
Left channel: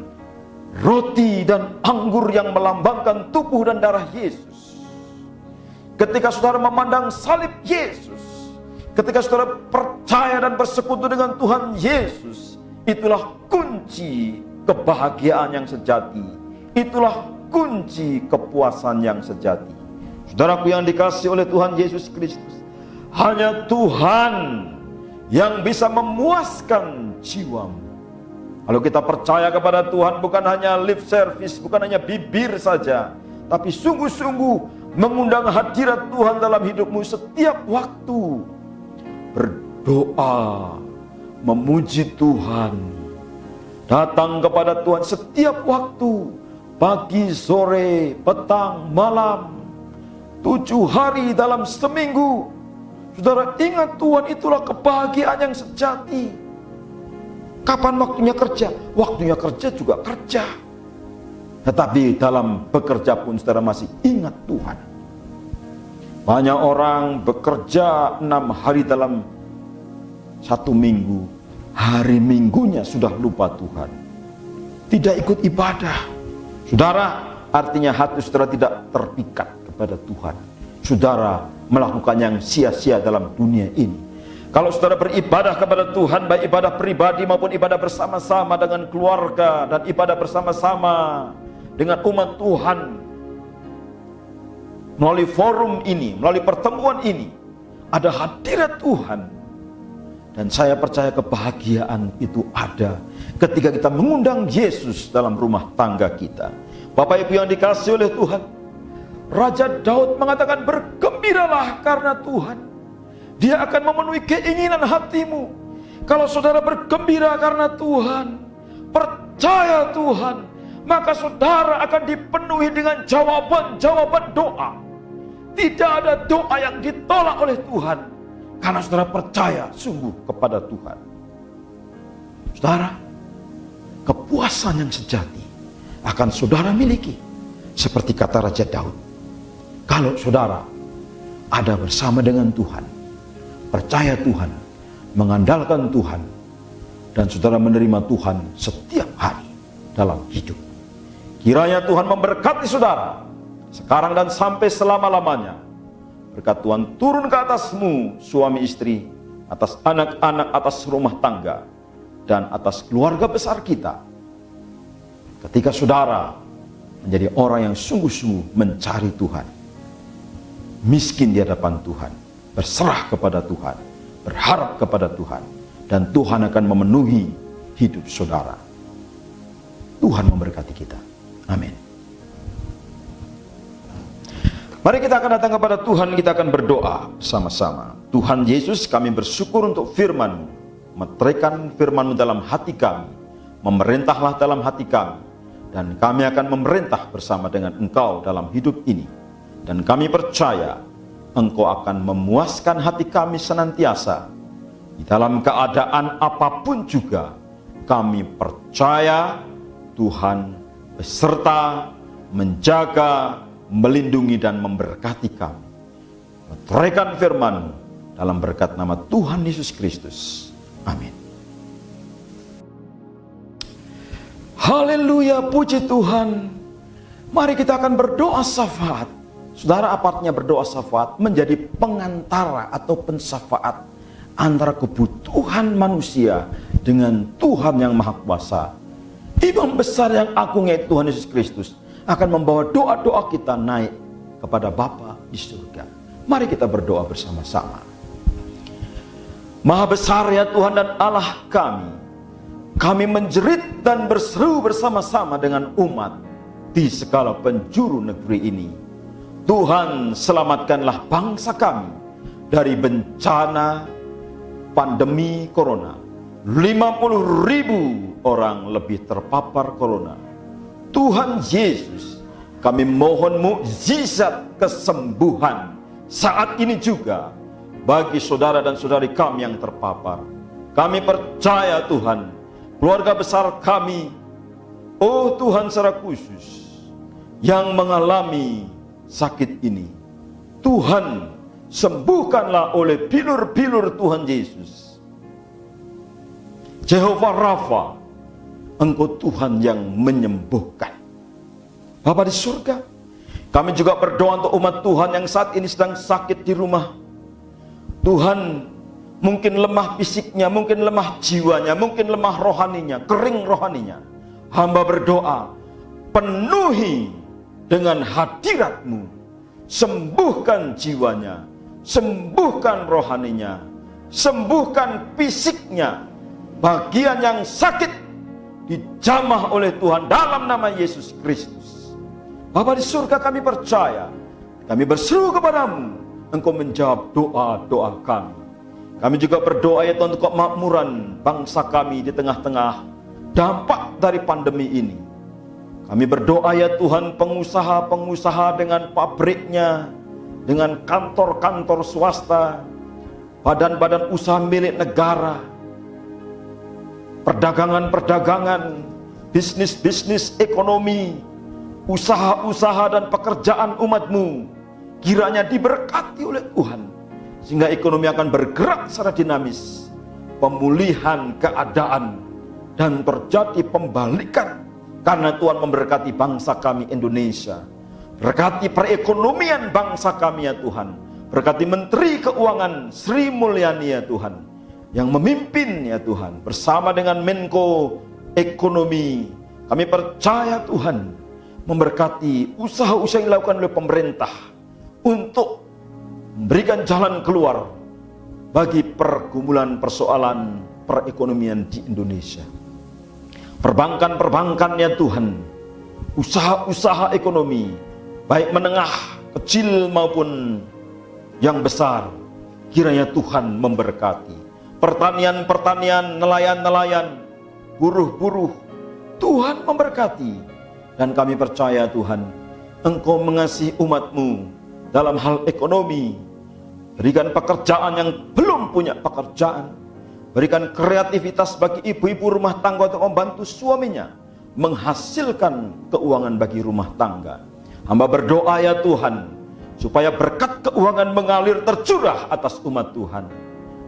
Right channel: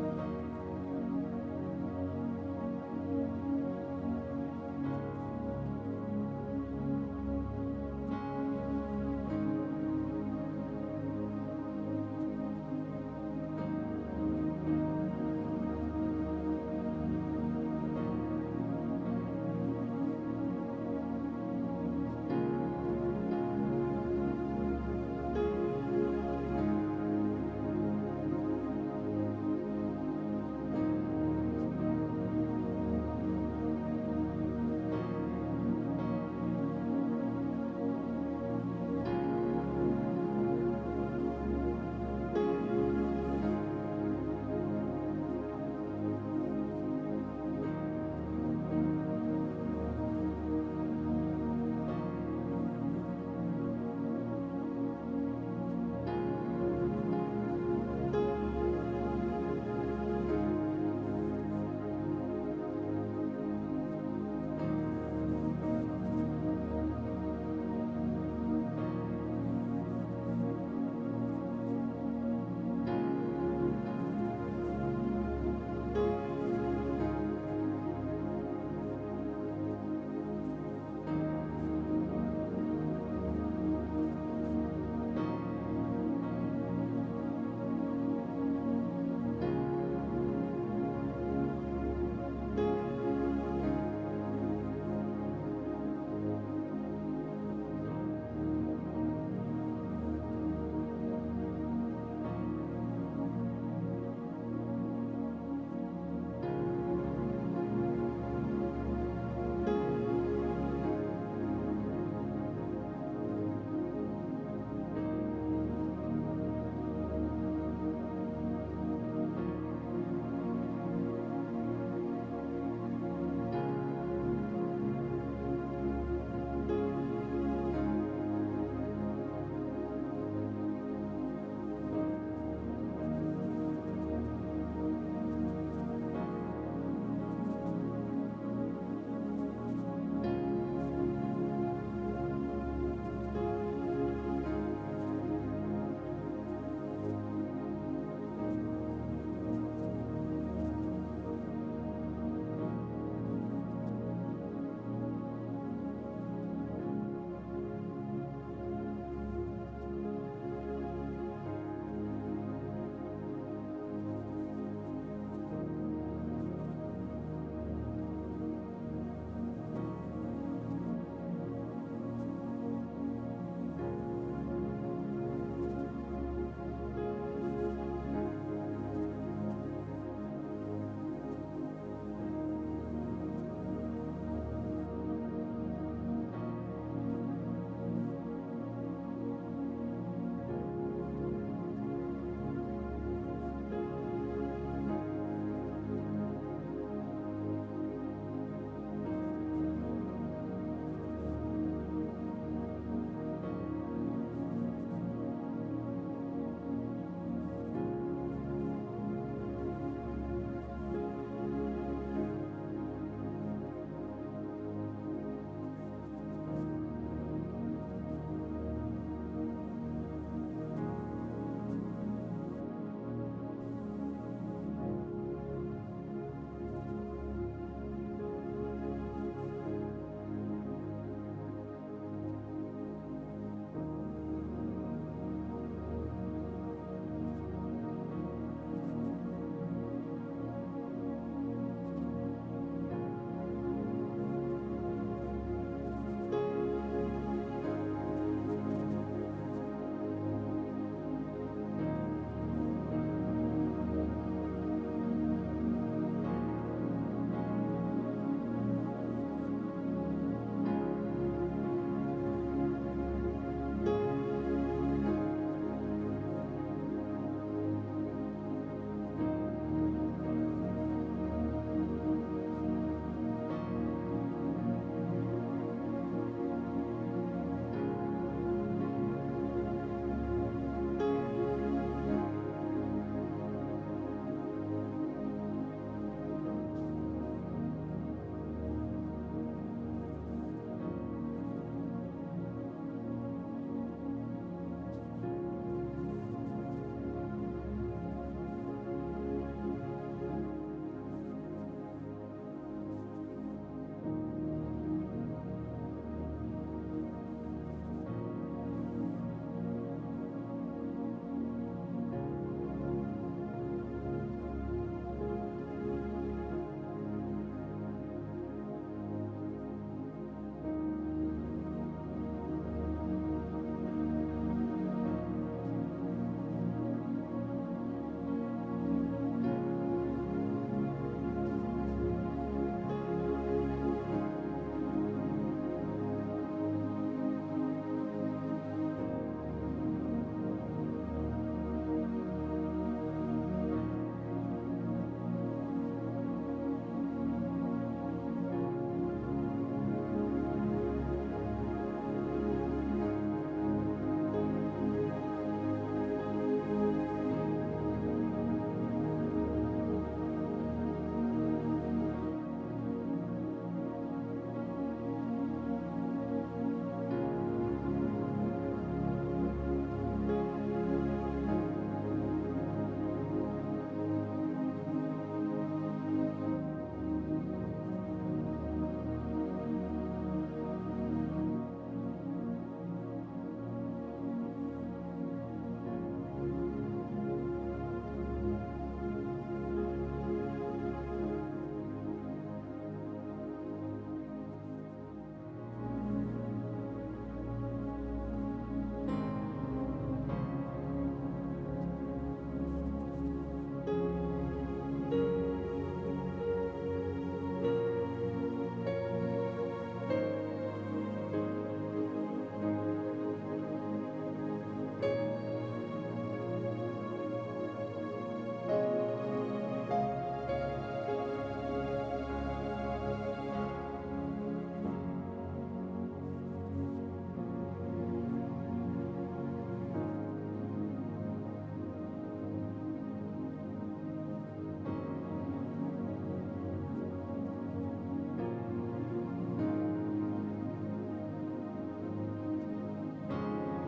roti dan anggur yang melambangkan tubuh dan darah Yesus. Ketika saudara memandang salib Yesus. Ketika saudara percaya dan bersekutu dengan Tuhan Yesus. Itulah kunci kebahagiaan yang sejati. Itulah kunci kepuasan yang sejati. Saudaraku yang dikasihi oleh Tuhan Yesus Kristus, hanya Tuhan yang bisa memuaskan jiwamu. Kalau kita percaya kepada Tuhan, bukan hanya lip service, bukan hanya bibir saja, tapi sungguh-sungguh mengundang hadirat Tuhan dalam hidupmu setiap waktu. Berdoa, memuji Tuhan, datang kepada Tuhan setiap waktu, pagi, sore, petang, malam, 7 hari dalam seminggu. Saudara ingat, Tuhan itulah kebahagiaan yang sejati. Kapan waktunya kerja? Waktunya kerja juga kerja. Tetapi dalam bekerja pun saudara masih ingat Tuhan. Banyak orang bekerja 6 hari dalam 1 minggu. Hari minggunya sudah lupa Tuhan. Tidak ikut ibadah. Saudara, artinya hati saudara tidak terpikat kepada Tuhan. Saudara melakukan yang sia-sia dalam dunia ini. Kalau saudara beribadah kepada Tuhan, baik ibadah pribadi maupun ibadah bersama-sama dengan keluarga, dan ibadah bersama-sama dengan umat Tuhan, melalui forum ini, melalui pertemuan ini, ada hadirat Tuhan. Dan saya percaya kebahagiaan itu ada ketika kita mengundang Yesus dalam rumah tangga kita. Bapak Ibu yang dikasihi oleh Tuhan, Raja Daud mengatakan, bergembiralah karena Tuhan. Dia akan memenuhi keinginan hatimu. Kalau saudara bergembira karena Tuhan, percaya Tuhan, maka saudara akan dipenuhi dengan jawaban-jawaban doa. Tidak ada doa yang ditolak oleh Tuhan, karena saudara percaya sungguh kepada Tuhan. Saudara, kepuasan yang sejati akan saudara miliki. Seperti kata Raja Daud, kalau saudara ada bersama dengan Tuhan, percaya Tuhan, mengandalkan Tuhan, dan saudara menerima Tuhan setiap hari dalam hidup. Kiranya Tuhan memberkati saudara sekarang dan sampai selama-lamanya. Berkat Tuhan turun ke atasmu, suami istri, atas anak-anak, atas rumah tangga, dan atas keluarga besar kita. Ketika saudara menjadi orang yang sungguh-sungguh mencari Tuhan, miskin di hadapan Tuhan, berserah kepada Tuhan, berharap kepada Tuhan, dan Tuhan akan memenuhi hidup saudara. Tuhan memberkati kita. Amin. Mari kita akan datang kepada Tuhan, kita akan berdoa sama-sama. Tuhan Yesus, kami bersyukur untuk firman-Mu. Meteraikan firman-Mu dalam hati kami. Memerintahlah dalam hati kami. Dan kami akan memerintah bersama dengan Engkau dalam hidup ini. Dan kami percaya Engkau akan memuaskan hati kami senantiasa. Di dalam keadaan apapun juga, kami percaya Tuhan beserta, menjaga, melindungi dan memberkati kami. Meteraikan firman dalam berkat nama Tuhan Yesus Kristus. Amin. Haleluya, puji Tuhan. Mari kita akan berdoa syafaat. Saudara, apa artinya berdoa syafaat? Menjadi pengantara atau pensyafaat antara kebutuhan manusia dengan Tuhan yang Maha Kuasa. Imam besar yang agung yaitu Tuhan Yesus Kristus akan membawa doa-doa kita naik kepada Bapa di surga. Mari kita berdoa bersama-sama. Maha besar ya Tuhan dan Allah kami menjerit dan berseru bersama-sama dengan umat di segala penjuru negeri ini. Tuhan, selamatkanlah bangsa kami dari bencana pandemi corona. 50.000 orang lebih terpapar corona. Tuhan Yesus, kami mohon mukjizat kesembuhan saat ini juga bagi saudara dan saudari kami yang terpapar. Kami percaya Tuhan, keluarga besar kami, oh Tuhan secara khusus, yang mengalami sakit ini, Tuhan sembuhkanlah oleh bilur-bilur Tuhan Yesus. Jehovah Rafa, Engkau Tuhan yang menyembuhkan. Bapa di surga, kami juga berdoa untuk umat Tuhan yang saat ini sedang sakit di rumah. Tuhan, mungkin lemah fisiknya, mungkin lemah jiwanya, mungkin lemah rohaninya, kering rohaninya. Hamba berdoa, penuhi dengan hadirat-Mu, sembuhkan jiwanya, sembuhkan rohaninya, sembuhkan fisiknya. Bagian yang sakit dijamah oleh Tuhan dalam nama Yesus Kristus. Bapa di surga, kami percaya, kami berseru kepadamu, Engkau menjawab doa-doa kami. Kami juga berdoa ya Tuhan untuk kemakmuran bangsa kami di tengah-tengah dampak dari pandemi ini. Kami berdoa ya Tuhan, pengusaha-pengusaha dengan pabriknya, dengan kantor-kantor swasta, badan-badan usaha milik negara, perdagangan-perdagangan, bisnis-bisnis ekonomi, usaha-usaha dan pekerjaan umat-Mu kiranya diberkati oleh Tuhan, sehingga ekonomi akan bergerak secara dinamis, pemulihan keadaan, dan terjadi pembalikan karena Tuhan memberkati bangsa kami Indonesia. Berkati perekonomian bangsa kami ya Tuhan, berkati Menteri Keuangan Sri Mulyani ya Tuhan, yang memimpin ya Tuhan, bersama dengan Menko Ekonomi. Kami percaya Tuhan memberkati usaha-usaha yang dilakukan oleh pemerintah untuk memberikan jalan keluar bagi pergumulan persoalan perekonomian di Indonesia. Perbankan-perbankan ya Tuhan, usaha-usaha ekonomi, baik menengah, kecil maupun yang besar, kiranya Tuhan memberkati. Pertanian-pertanian, nelayan-nelayan, buruh-buruh, Tuhan memberkati. Dan kami percaya Tuhan, Engkau mengasihi umat-Mu dalam hal ekonomi. Berikan pekerjaan yang belum punya pekerjaan. Berikan kreativitas bagi ibu-ibu rumah tangga untuk membantu suaminya menghasilkan keuangan bagi rumah tangga. Hamba berdoa ya Tuhan, supaya berkat keuangan mengalir tercurah atas umat Tuhan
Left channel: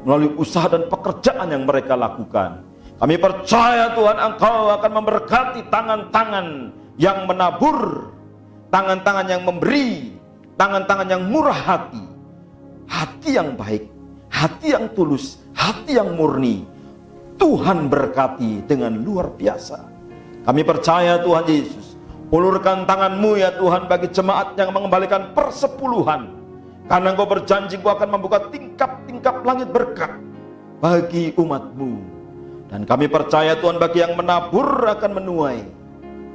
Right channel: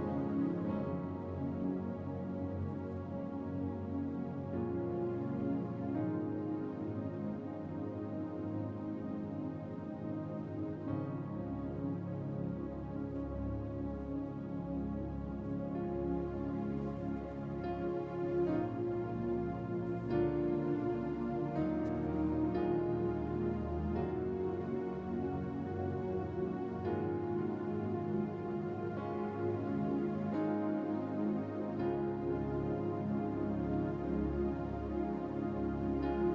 melalui usaha dan pekerjaan yang mereka lakukan. Kami percaya Tuhan, Engkau akan memberkati tangan-tangan yang menabur, tangan-tangan yang memberi, tangan-tangan yang murah hati, hati yang baik, hati yang tulus, hati yang murni. Tuhan berkati dengan luar biasa. Kami percaya Tuhan Yesus, ulurkan tangan-Mu ya Tuhan bagi jemaat yang mengembalikan persepuluhan, karena Engkau berjanji Engkau akan membuka tingkap-tingkap langit berkat bagi umat-Mu. Dan kami percaya Tuhan, bagi yang menabur akan menuai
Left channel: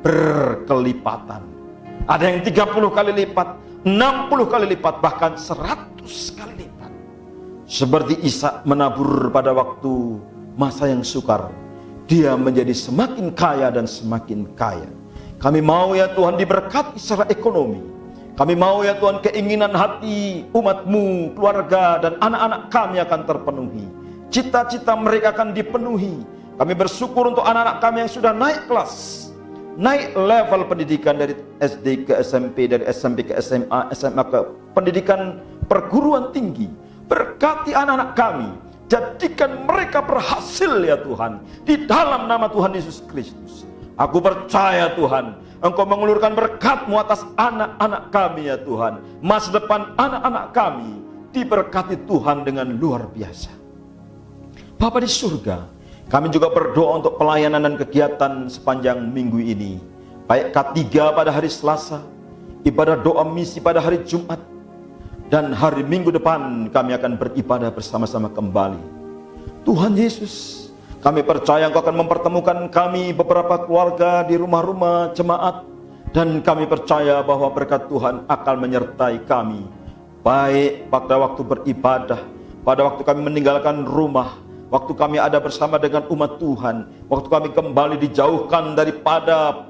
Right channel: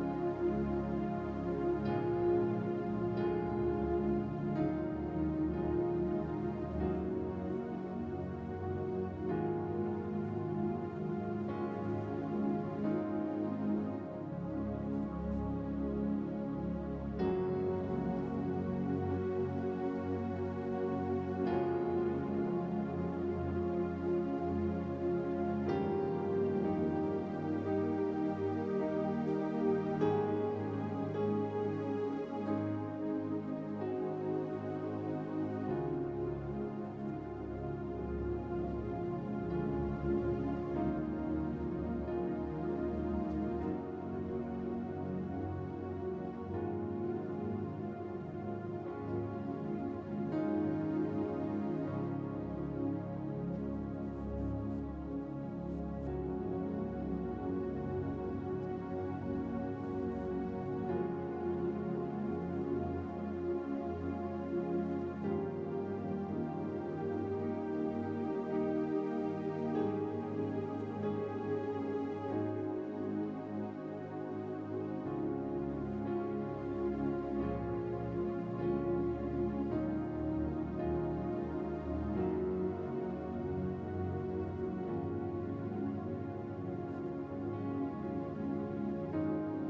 berkelipatan. Ada yang 30 kali lipat, 60 kali lipat, bahkan 100 kali lipat. Seperti Ishak menabur pada waktu masa yang sukar, dia menjadi semakin kaya dan semakin kaya. Kami mau ya Tuhan diberkati secara ekonomi. Kami mau ya Tuhan keinginan hati umat-Mu, keluarga dan anak-anak kami akan terpenuhi. Cita-cita mereka akan dipenuhi. Kami bersyukur untuk anak-anak kami yang sudah naik kelas, naik level pendidikan dari SD ke SMP, dari SMP ke SMA, SMA ke pendidikan perguruan tinggi. Berkati anak-anak kami, jadikan mereka berhasil ya Tuhan, di dalam nama Tuhan Yesus Kristus. Aku percaya Tuhan, Engkau mengulurkan berkat-Mu atas anak-anak kami ya Tuhan. Masa depan anak-anak kami diberkati Tuhan dengan luar biasa. Bapa di surga, kami juga berdoa untuk pelayanan dan kegiatan sepanjang minggu ini. Baik K3 pada hari Selasa, ibadah doa misi pada hari Jumat, dan hari Minggu depan kami akan beribadah bersama-sama kembali. Tuhan Yesus, kami percaya Engkau akan mempertemukan kami beberapa keluarga di rumah-rumah jemaat, dan kami percaya bahwa berkat Tuhan akan menyertai kami, baik pada waktu beribadah, pada waktu kami meninggalkan rumah, waktu kami ada bersama dengan umat Tuhan, waktu kami kembali dijauhkan daripada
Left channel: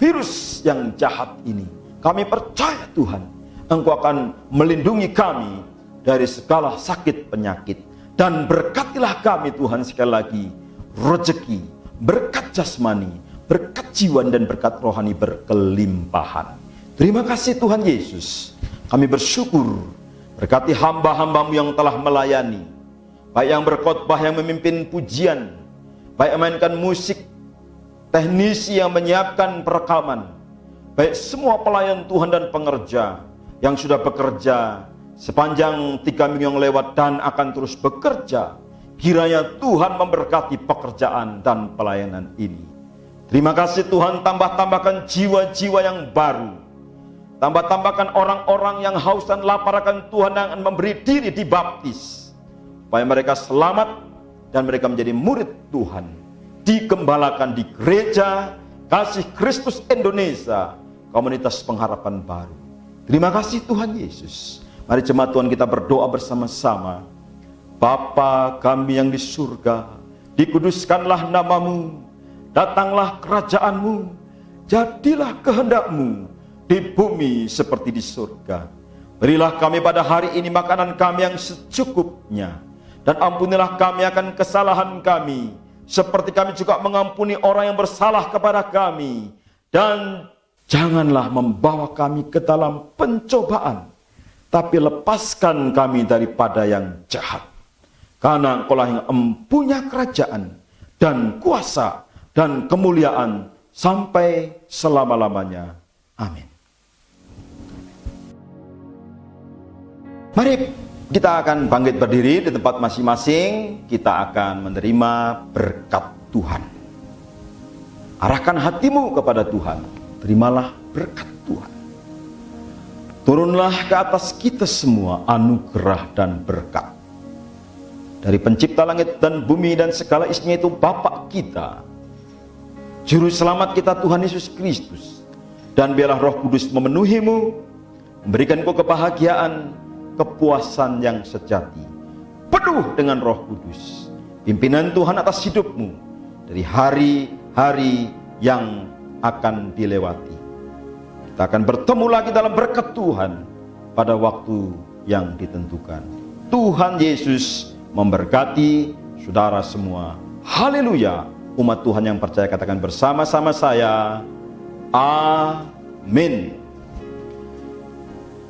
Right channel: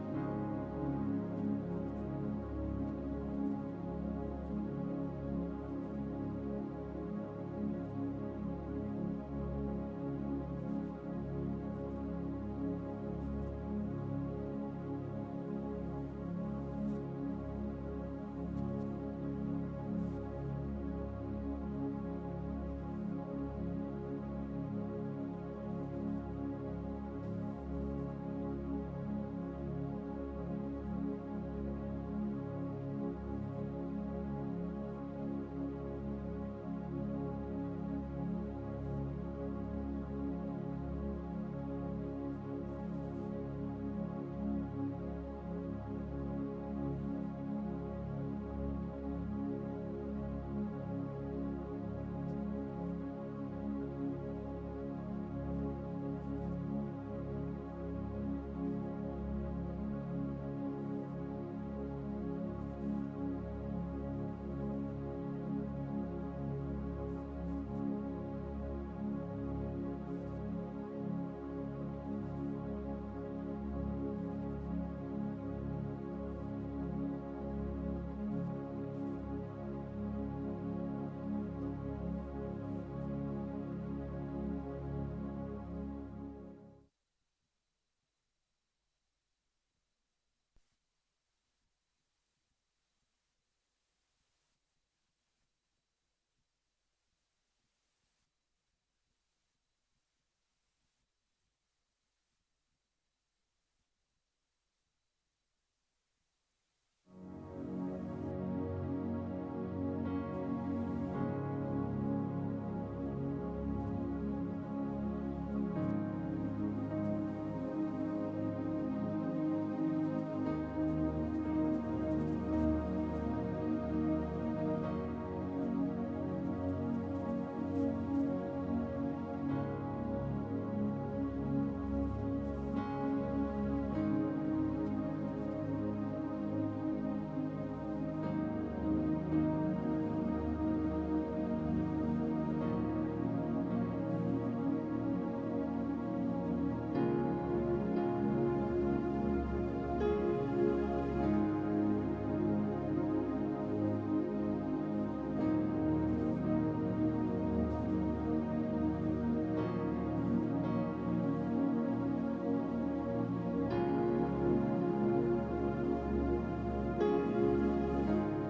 virus yang jahat ini. Kami percaya Tuhan, Engkau akan melindungi kami dari segala sakit penyakit. Dan berkatilah kami Tuhan sekali lagi, rezeki, berkat jasmani, berkat jiwa dan berkat rohani berkelimpahan. Terima kasih Tuhan Yesus. Kami bersyukur, berkati hamba-hamba-Mu yang telah melayani, baik yang berkhotbah, yang memimpin pujian, baik yang mainkan musik, teknisi yang menyiapkan perekaman, baik semua pelayan Tuhan dan pengerja yang sudah bekerja sepanjang 3 minggu yang lewat dan akan terus bekerja. Kiranya Tuhan memberkati pekerjaan dan pelayanan ini. Terima kasih Tuhan, tambahkan jiwa-jiwa yang baru, tambahkan orang-orang yang haus dan lapar akan Tuhan, yang akan memberi diri dibaptis, supaya mereka selamat dan mereka menjadi murid Tuhan, digembalakan di gereja Kasih Kristus Indonesia, komunitas pengharapan baru. Terima kasih Tuhan Yesus. Mari jemaat Tuhan kita berdoa bersama-sama. Bapa kami yang di surga, dikuduskanlah nama-Mu, datanglah kerajaan-Mu, jadilah kehendak-Mu di bumi seperti di surga. Berilah kami pada hari ini makanan kami yang secukupnya, dan ampunilah kami akan kesalahan kami, seperti kami juga mengampuni orang yang bersalah kepada kami. Dan janganlah membawa kami ke dalam pencobaan, tapi lepaskan kami daripada yang jahat. Karena Engkaulah yang empunya kerajaan dan kuasa dan kemuliaan sampai selama-lamanya. Amin. Mari kita akan bangkit berdiri di tempat masing-masing. Kita akan menerima berkat Tuhan. Arahkan hatimu kepada Tuhan. Terimalah berkat Tuhan. Turunlah ke atas kita semua anugerah dan berkat dari Pencipta langit dan bumi dan segala isinya, itu Bapa kita, Juru Selamat kita Tuhan Yesus Kristus. Dan biarlah Roh Kudus memenuhimu, memberikan kau kebahagiaan, kepuasan yang sejati, penuh dengan Roh Kudus. Pimpinan Tuhan atas hidupmu dari hari-hari yang akan dilewati. Kita akan bertemu lagi dalam berkat Tuhan pada waktu yang ditentukan. Tuhan Yesus memberkati saudara semua. Haleluya. Umat Tuhan yang percaya katakan bersama-sama saya, amin.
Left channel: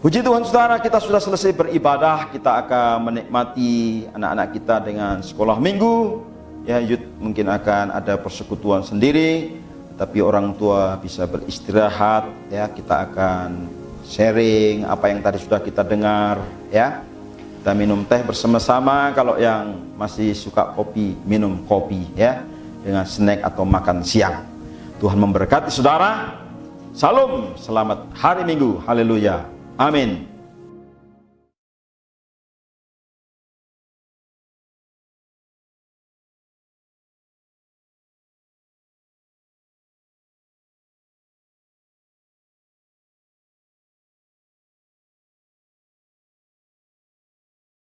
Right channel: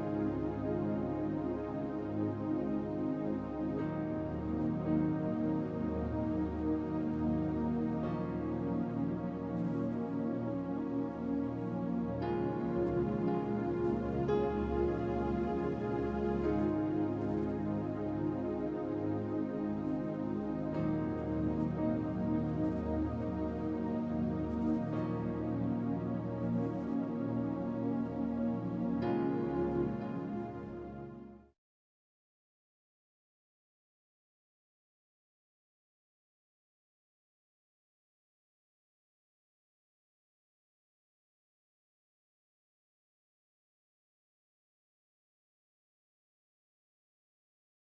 Puji Tuhan saudara, kita sudah selesai beribadah. Kita akan menikmati anak-anak kita dengan sekolah minggu. Ya, youth mungkin akan ada persekutuan sendiri, tapi orang tua bisa beristirahat. Ya, kita akan sharing apa yang tadi sudah kita dengar. Ya, kita minum teh bersama-sama. Kalau yang masih suka kopi, minum kopi ya, dengan snack atau makan siang. Tuhan memberkati saudara. Salam, selamat hari Minggu. Haleluya. Amin.